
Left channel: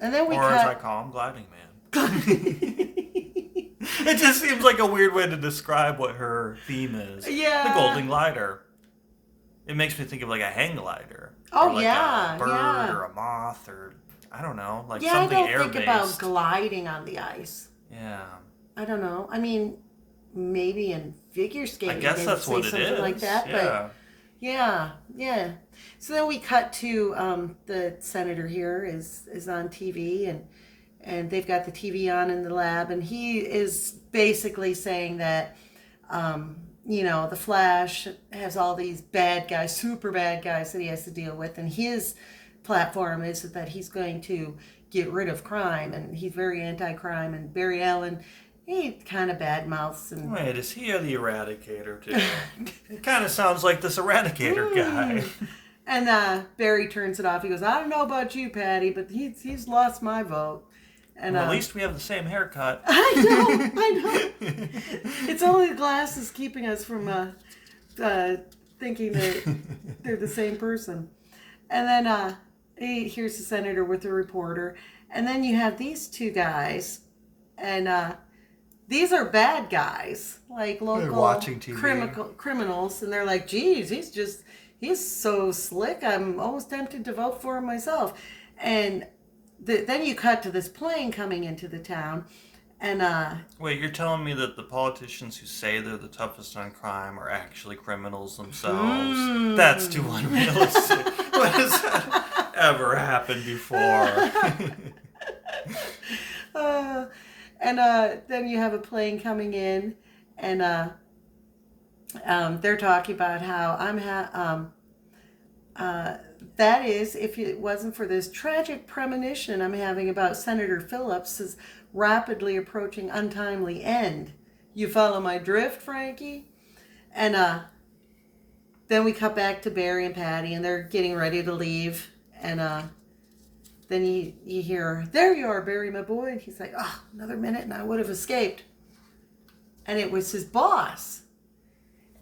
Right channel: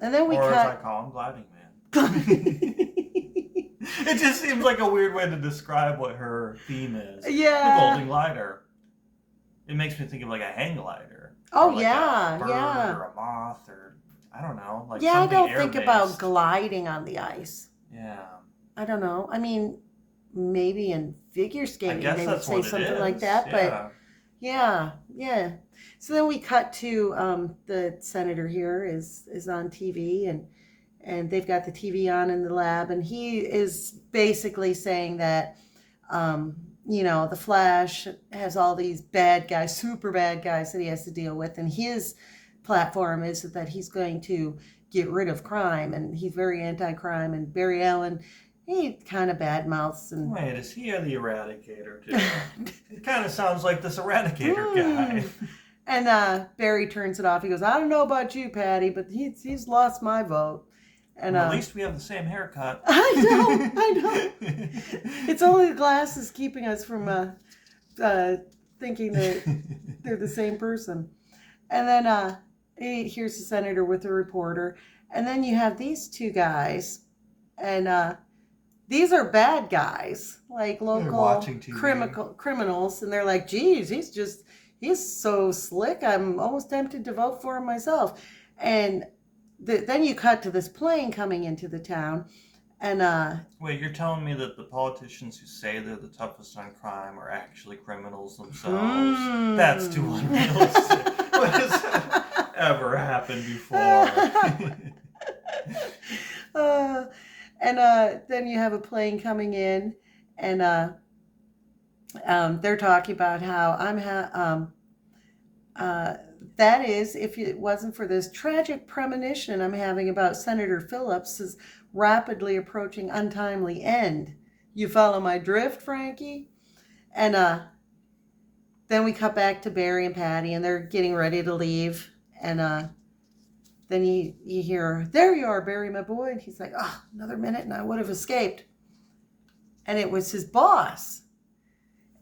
And then we cut... Or as I call him, Gliding Man. It just seems like a weird way to describe what her theme is. Yeah. The Golden Glider. It makes me think of a hang glider. Oh, or yeah. A bird or a moth or, I don't know, something I don't air-based. think about gliding on the ice. Yeah. I don't know. I mean, maybe in figure skating they would say something like that. Yeah. But yeah. So then we cut to the senator here is on TV and they've got the TV on in the lab, and he is basically saying that, the Flash has all these bad guys, super bad guys that he has to deal with, and his platform is that he's going to get rid of crime, and he's very anti-crime, and Barry Allen, he kind of badmouths. And wait, is he the Eradicator, too? It kind of sounds like this Eradicator guy. And Barry turns it off. He goes, I don't know about you, Patty, but he's lost my vote. And at least we have the same haircut. I know. It's only the glasses keeping us from thinking that they're the same person. And then here's the senator with the reporter. And then you have these two guys. And these are bad guys, like local criminals. And they're like, geez, he's so slick. I'm almost tempted to vote for him myself. And then you cut to this plane coming into the town, and wait, you're telling me that the politicians who say they're the toughest on crime are actually criminals themselves? That's too unrealistic. What has that ever happened before? Then you have a plane coming in, and they're talking about how that is, if it wasn't for this tragic premonition I'm having about Senator Phillips' rapidly approaching untimely end. You follow my drift, Frankie? And then we cut back to Barry and Patty, and they're getting ready to leave. And then you hear, there you are, Barry, my boy. And he's like, another minute and I would have escaped. And it was his boss.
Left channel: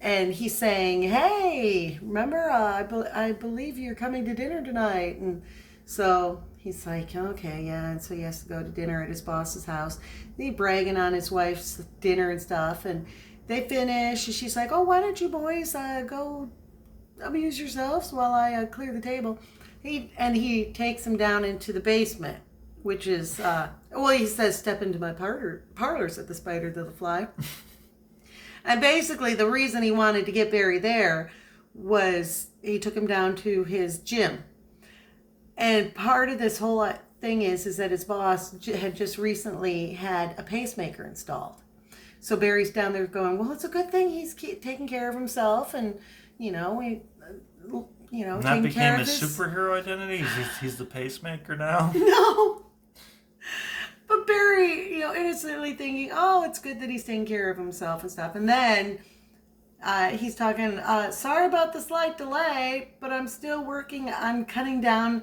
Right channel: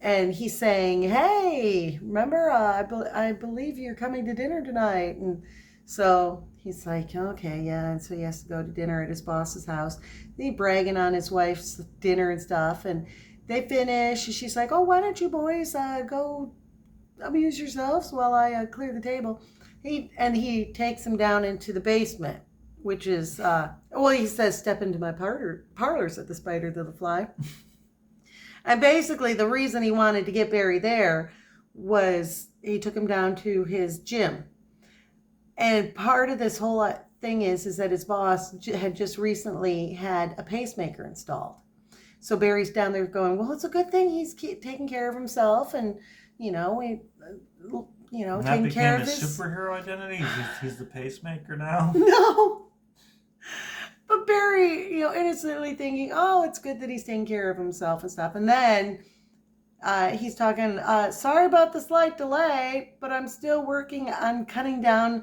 And he's saying, hey, remember, I believe you're coming to dinner tonight. And so he's like, okay, yeah. And so he has to go to dinner at his boss's house. He's bragging on his wife's dinner and stuff. And they finish. And she's like, oh, why don't you boys go amuse yourselves while I clear the table. He takes them down into the basement, which is, he says, step into my parlor, said the spider to the fly. And basically, the reason he wanted to get Barry there was he took him down to his gym. And part of this whole thing is that his boss had just recently had a pacemaker installed. So Barry's down there going, well, it's a good thing he's taking care of himself. And, And that taking care became of his his... superhero identity? He's the pacemaker now? No. But Barry, innocently thinking, oh, it's good that he's taking care of himself and stuff. And then he's talking, sorry about the slight delay, but I'm still working on cutting down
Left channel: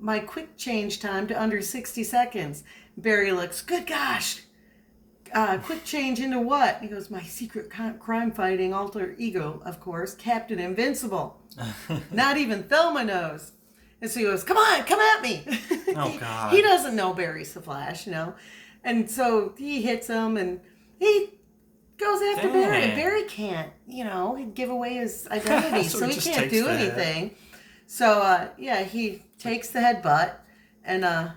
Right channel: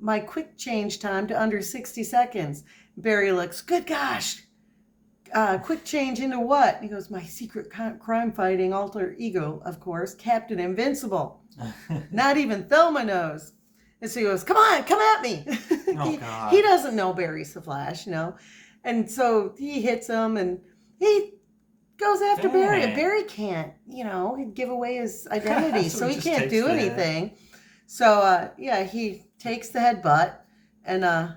my quick change time to under 60 seconds. Barry looks, good gosh, quick change into what? He goes, my secret crime-fighting alter ego, of course, Captain Invincible. Not even Thelma knows. And so he goes, come on, come at me. Oh, God. He doesn't know Barry's the Flash, And so he hits him and he goes after Barry. And Barry can't, he'd give away his identity. so he can't do anything. So, he takes the headbutt and and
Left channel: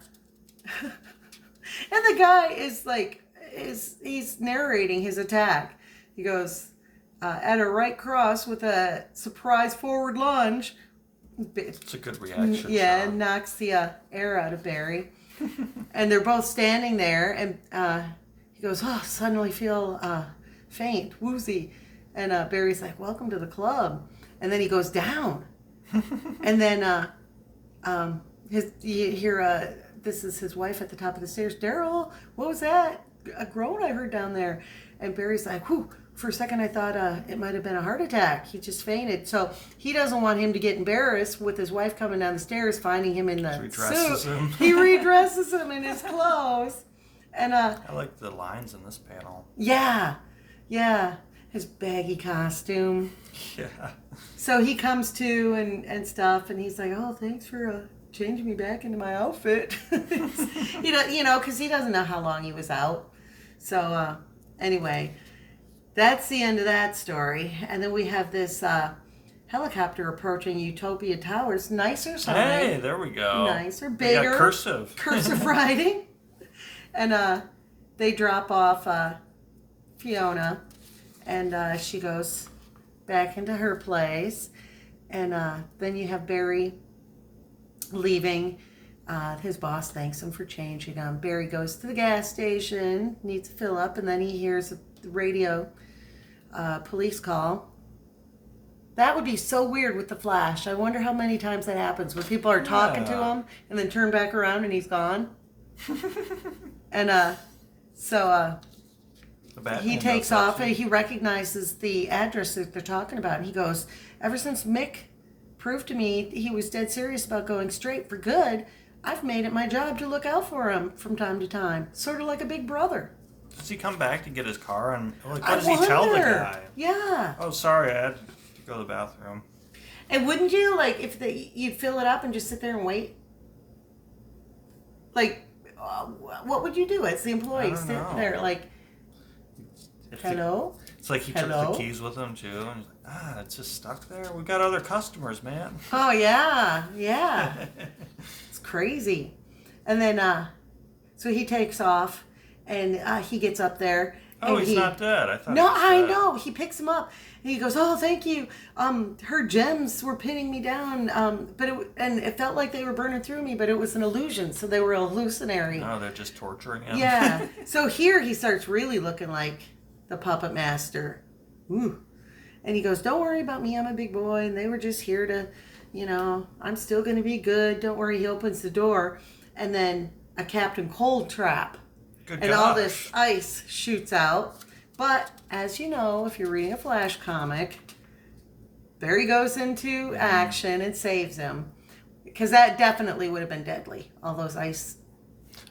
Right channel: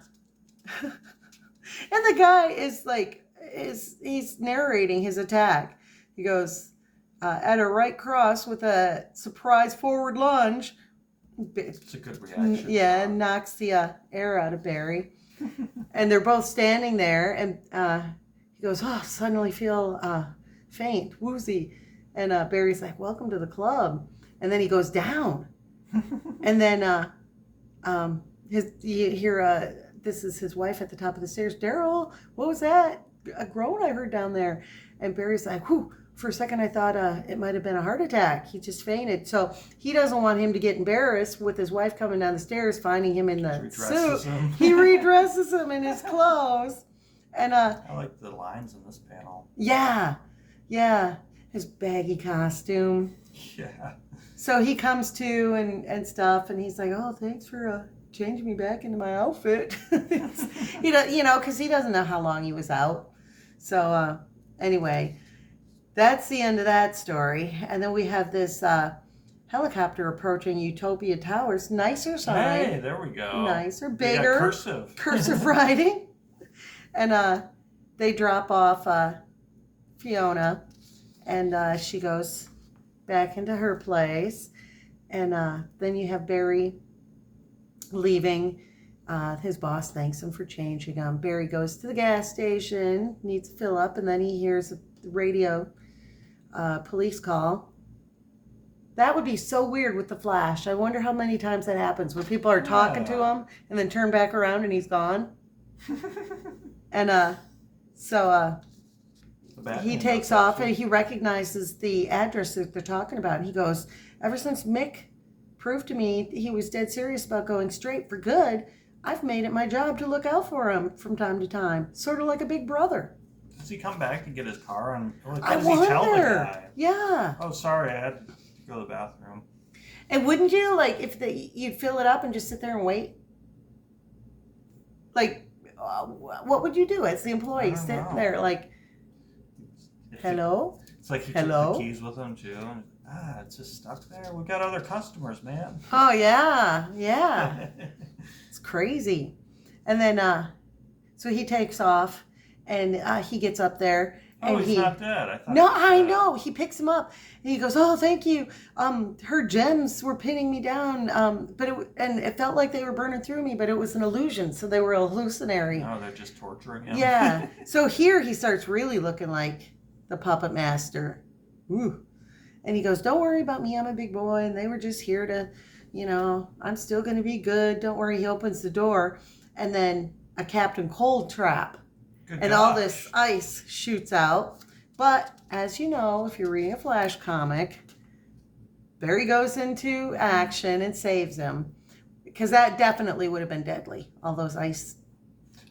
the guy is like, he's narrating his attack. He goes, at a right cross with a surprise forward lunge. It's a good reaction. Yeah, and knocks the air out of Barry. And they're both standing there, and he goes, oh, suddenly feel faint, woozy. And Barry's like, welcome to the club. And then he goes down. And then you hear, this is his wife at the top of the stairs, Daryl, what was that? A groan I heard down there. And Barry's like, whew. For a second, I thought it might have been a heart attack. He just fainted. So he doesn't want him to get embarrassed with his wife coming down the stairs, finding him in the suit. He redresses him in his clothes. And I like the lines in this panel. Yeah. His baggy costume. Yeah. So he comes to and stuff, and he's like, oh, thanks for changing me back into my outfit. Because he doesn't know how long he was out. So anyway... That's the end of that story. And then we have this helicopter approaching Utopia Towers. Nicer sign. Hey, there we go. Nicer, bigger. We got cursive. Cursive writing. And they drop off Fiona. And she goes back into her place. And then you have Barry leaving. His boss thanks him for changing him. Barry goes to the gas station, needs to fill up, and then he hears the radio police call. That would be so weird with the Flash. I wonder how many times that happens where people are talking to him and then turn back around and he's gone. And so he takes off and he recognizes the address that they're talking about. And he goes, ever since Mick proved to me he was dead serious about going straight for good, I've made it my job to look out for him from time to time. Sort of like a big brother. Does he come back to get his car? And what does he tell the guy? Yeah. Oh, sorry, I had to go to the bathroom. And wouldn't you, if you'd fill it up and just sit there and wait? What would you do as the employee? Sit there hello? It's like he took the keys with him, too. And it's just stuck there. We got other customers, man. Oh, yeah. It's crazy. And then, so he takes off. And he gets up there. Oh, he's not dead. I thought. No, I know. He picks him up. And he goes, oh, thank you. Her gems were pinning me down. And it felt like they were burning through me, but it was an illusion. So they were hallucinatory. Oh, they're just torturing him. Yeah. So here he starts really looking like the puppet master. Ooh. And he goes, don't worry about me. I'm a big boy. And they were just here to, I'm still going to be good. Don't worry. He opens the door. And then a Captain Cold trap. All this ice shoots out. But, as you know, if you're reading a Flash comic, Barry goes into action and saves him. Because that definitely would have been deadly. All those ice.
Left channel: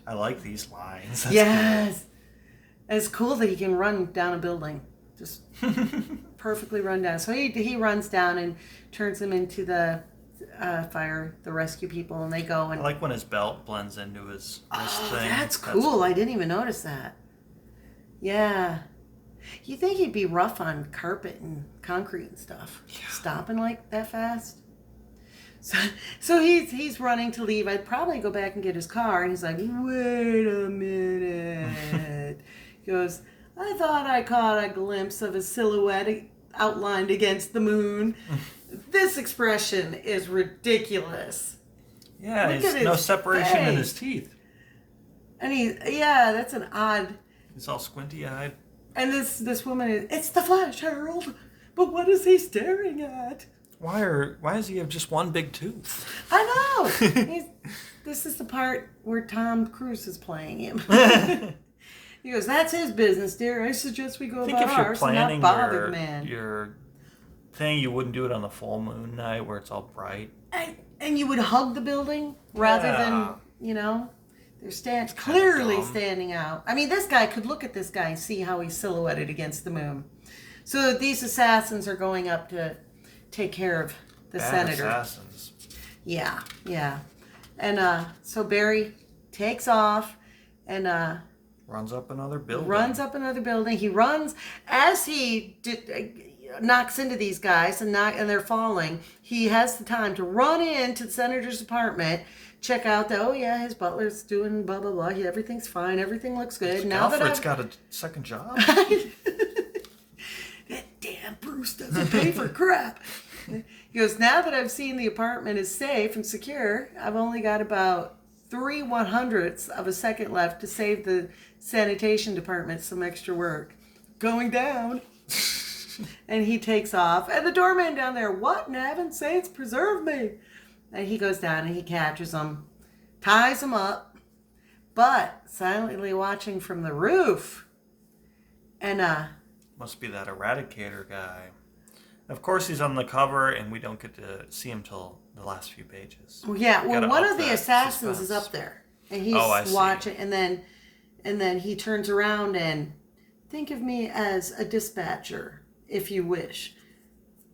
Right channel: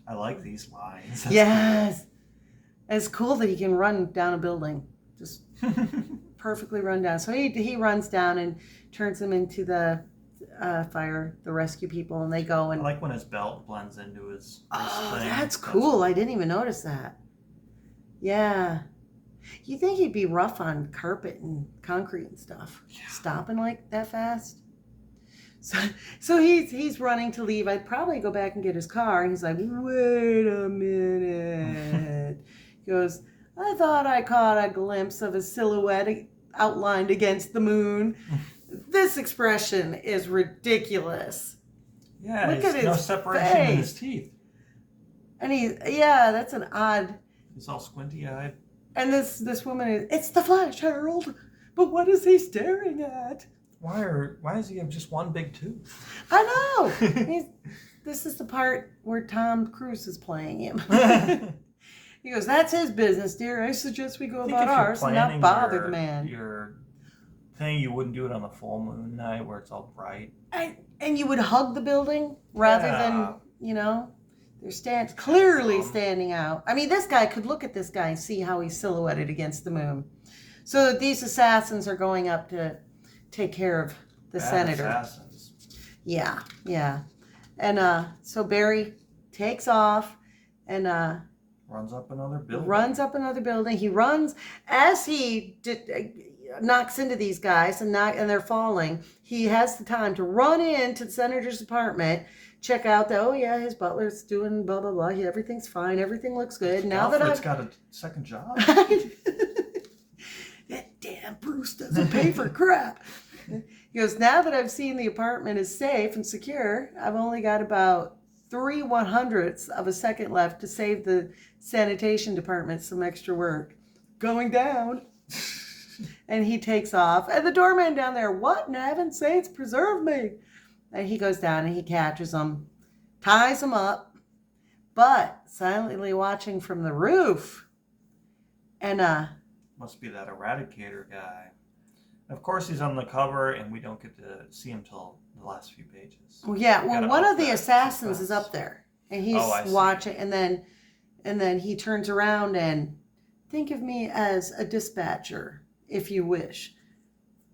I like these lines. That's yes. Cool. It's cool that he can run down a building. Just perfectly run down. So he runs down and turns them into the the rescue people, and they go and... I like when his belt blends into his thing. That's cool. I didn't even notice that. Yeah. You think he'd be rough on carpet and concrete and stuff. Yeah. Stopping like that fast. So he's running to leave. I'd probably go back and get his car, and he's like, wait a minute. He goes, I thought I caught a glimpse of a silhouette outlined against the moon. This expression is ridiculous. Yeah, there's no separation in his teeth. And that's an odd... He's all squinty-eyed. And this woman is, it's the Flash, Harold. But what is he staring at? Why does he have just one big tooth? I know. This is the part where Tom Cruise is playing him. He goes, "That's his business, dear. I suggest we go about ours and not bother the man." Your thing, you wouldn't do it on the full moon night where it's all bright. And you would hug the building rather than, they're clearly standing out. I mean, this guy could look at this guy and see how he's silhouetted against the moon. So these assassins are going up to take care of the senator. Assassins. Yeah. And so Barry takes off and runs up another building. He runs as he knocks into these guys and they're falling. He has the time to run into the senator's apartment, check out that his butler's doing blah blah blah. Everything's fine. Everything looks good. Now that I've got a second job. That damn Bruce doesn't pay for crap. He goes, now that I've seen the apartment is safe and secure, I've only got about 3/100ths of a second left to save the sanitation department some extra work. Going down. And he takes off. And the doorman down there, what in heaven's sakes, preserve me. And he goes down and he catches him, ties him up, but silently watching from the roof. And must be that Eradicator guy. Of course, he's on the cover, and we don't get to see him till the last few pages. Yeah, well, one of the assassins is up there, and he's watching, and then he turns around and think of me as a dispatcher, if you wish.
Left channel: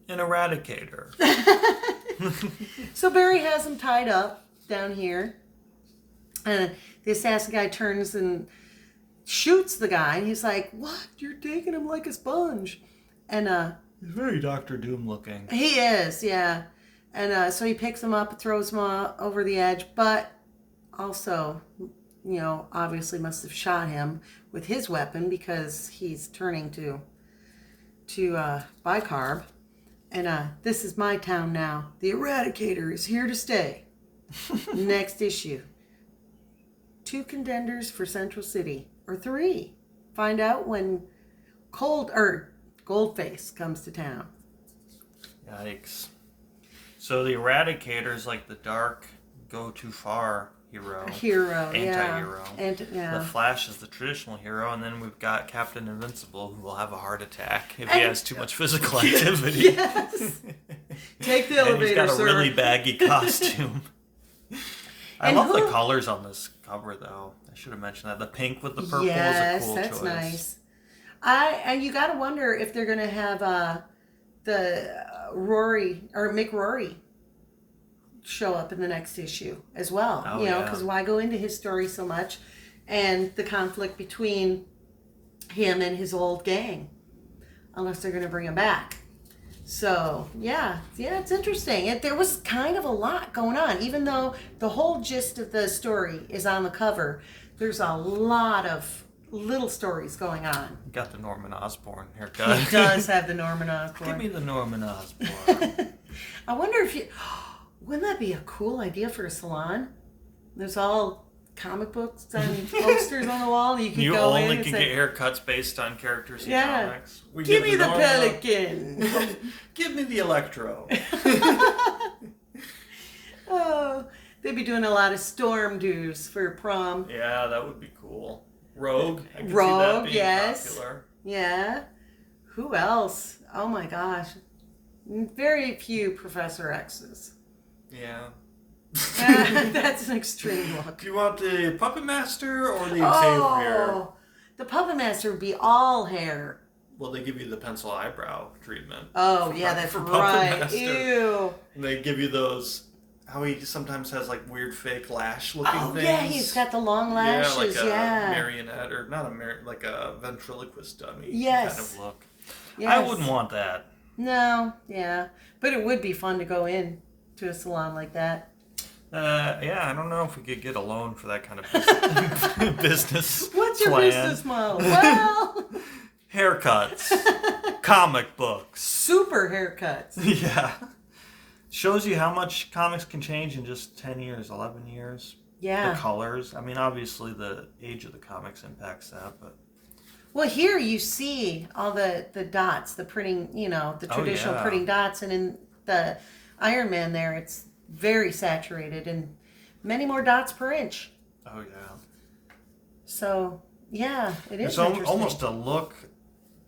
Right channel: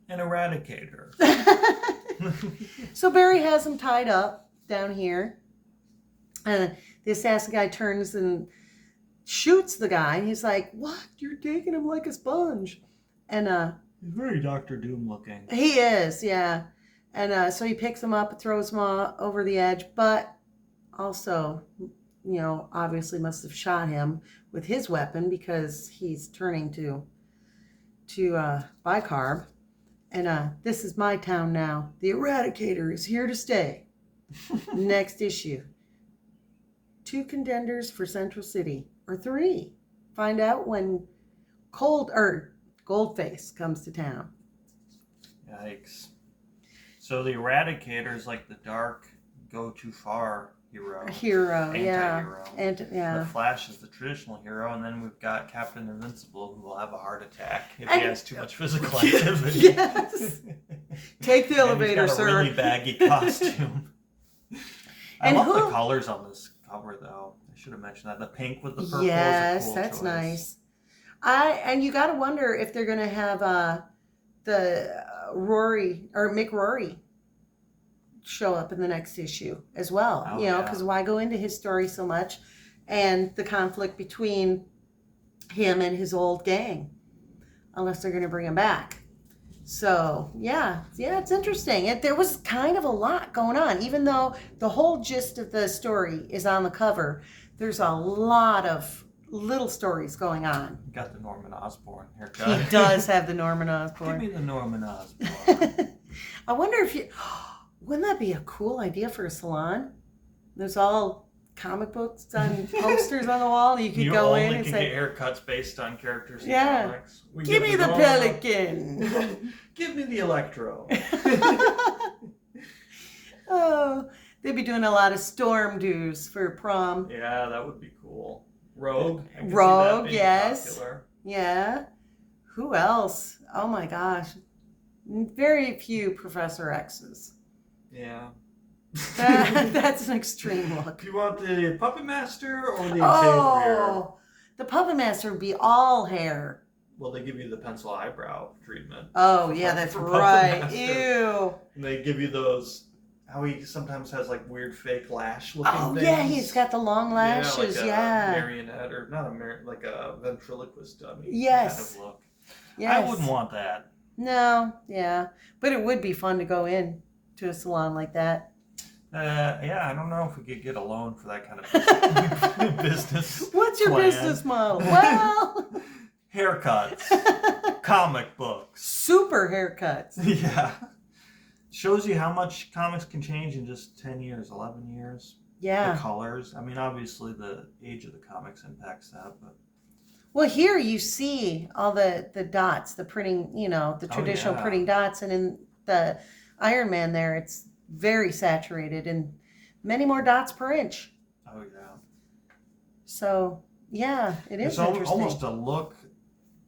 An Eradicator. So Barry has him tied up down here. The assassin guy turns and shoots the guy, and he's like, "What? You're taking him like a sponge." And he's very Dr. Doom looking. He is, yeah. And so he picks him up and throws him over the edge, but also, obviously must have shot him with his weapon because he's turning to bicarb. And this is my town now. The Eradicator is here to stay. Next issue. 2 contenders for Central City, or 3. Find out when Goldface comes to town. Yikes. So the Eradicator is like the dark, go too far hero. Anti-hero. Yeah. The Flash is the traditional hero, and then we've got Captain Invincible, who will have a heart attack if he has too much physical activity. Yes. Take the elevator, and he's got a really baggy costume. I love the colors on this cover, though. I should have mentioned that. The pink with the purple is a cool that's choice. Nice. And you got to wonder if they're going to have the Mick Rory show up in the next issue as well. Because why go into his story so much and the conflict between him and his old gang, unless they're going to bring him back. So, yeah, it's interesting. There was kind of a lot going on. Even though the whole gist of the story is on the cover, there's a lot of little stories going on. Got the Norman Osborn haircut. He does have the Norman Osborn. Give me the Norman Osborn. I wonder if wouldn't that be a cool idea for a salon? There's all comic books and posters on the wall. You could go in and You only can get haircuts based on characters in comics. Give me the Pelican. Give me the Electro. Oh, they'd be doing a lot of storm dues for prom. Yeah, that would be cool. Rogue. I can see Rogue, that being yes. popular. Yeah. Who else? Oh my gosh. Very few Professor X's. Yeah. That's an extreme look. Do you want the Puppet Master or the Xavier? The Puppet Master would be all hair. Well, they give you the pencil eyebrow treatment. Oh, yeah, that's right. Ew. And they give you those, how he sometimes has like weird fake lash looking things. Oh, yeah, he's got the long lashes, like a marionette, or not like a ventriloquist dummy kind of look. Yes. I wouldn't want that. No, yeah. But it would be fun to go in to a salon like that. I don't know if we could get a loan for that kind of business. What's your plan. business model? Well, haircuts, comic books, super haircuts. Yeah, shows you how much comics can change in just 10 years, 11 years. Yeah, the colors. I mean, obviously the age of the comics impacts that, but. Well, here you see all the dots, the printing, the traditional printing dots, and the Iron Man there, it's very saturated and many more dots per inch. Oh yeah. So yeah, it is There's interesting. almost a look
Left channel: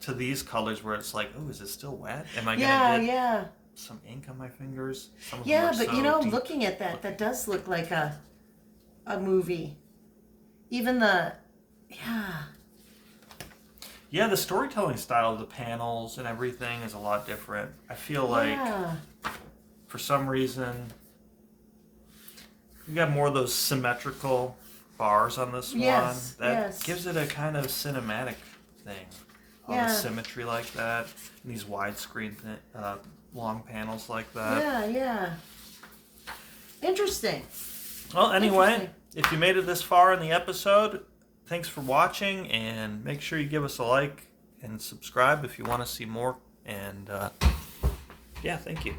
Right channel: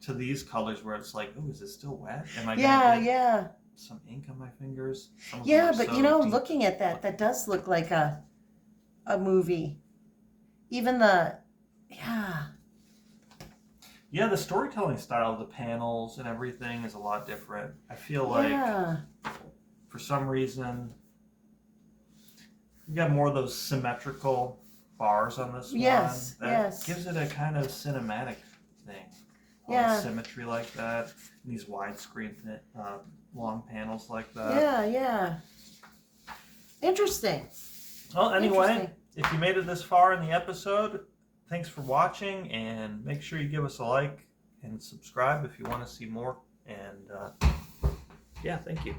to these colors where it's like, oh, is it still wet? Am I Yeah, gonna get yeah. some ink on my fingers? Some of them Yeah, are but so you know, deep. looking at that does look like a movie. Even the Yeah, the storytelling style of the panels and everything is a lot different. I feel like yeah. for some reason you got more of those symmetrical bars on this Yes, one. That yes. gives it a kind of cinematic thing. Yeah. Symmetry like that. And these widescreen long panels like that. Yeah, yeah. Interesting. Well, anyway, Interesting. if you made it this far in the episode, thanks for watching, and make sure you give us a like and subscribe if you want to see more. And yeah, thank you.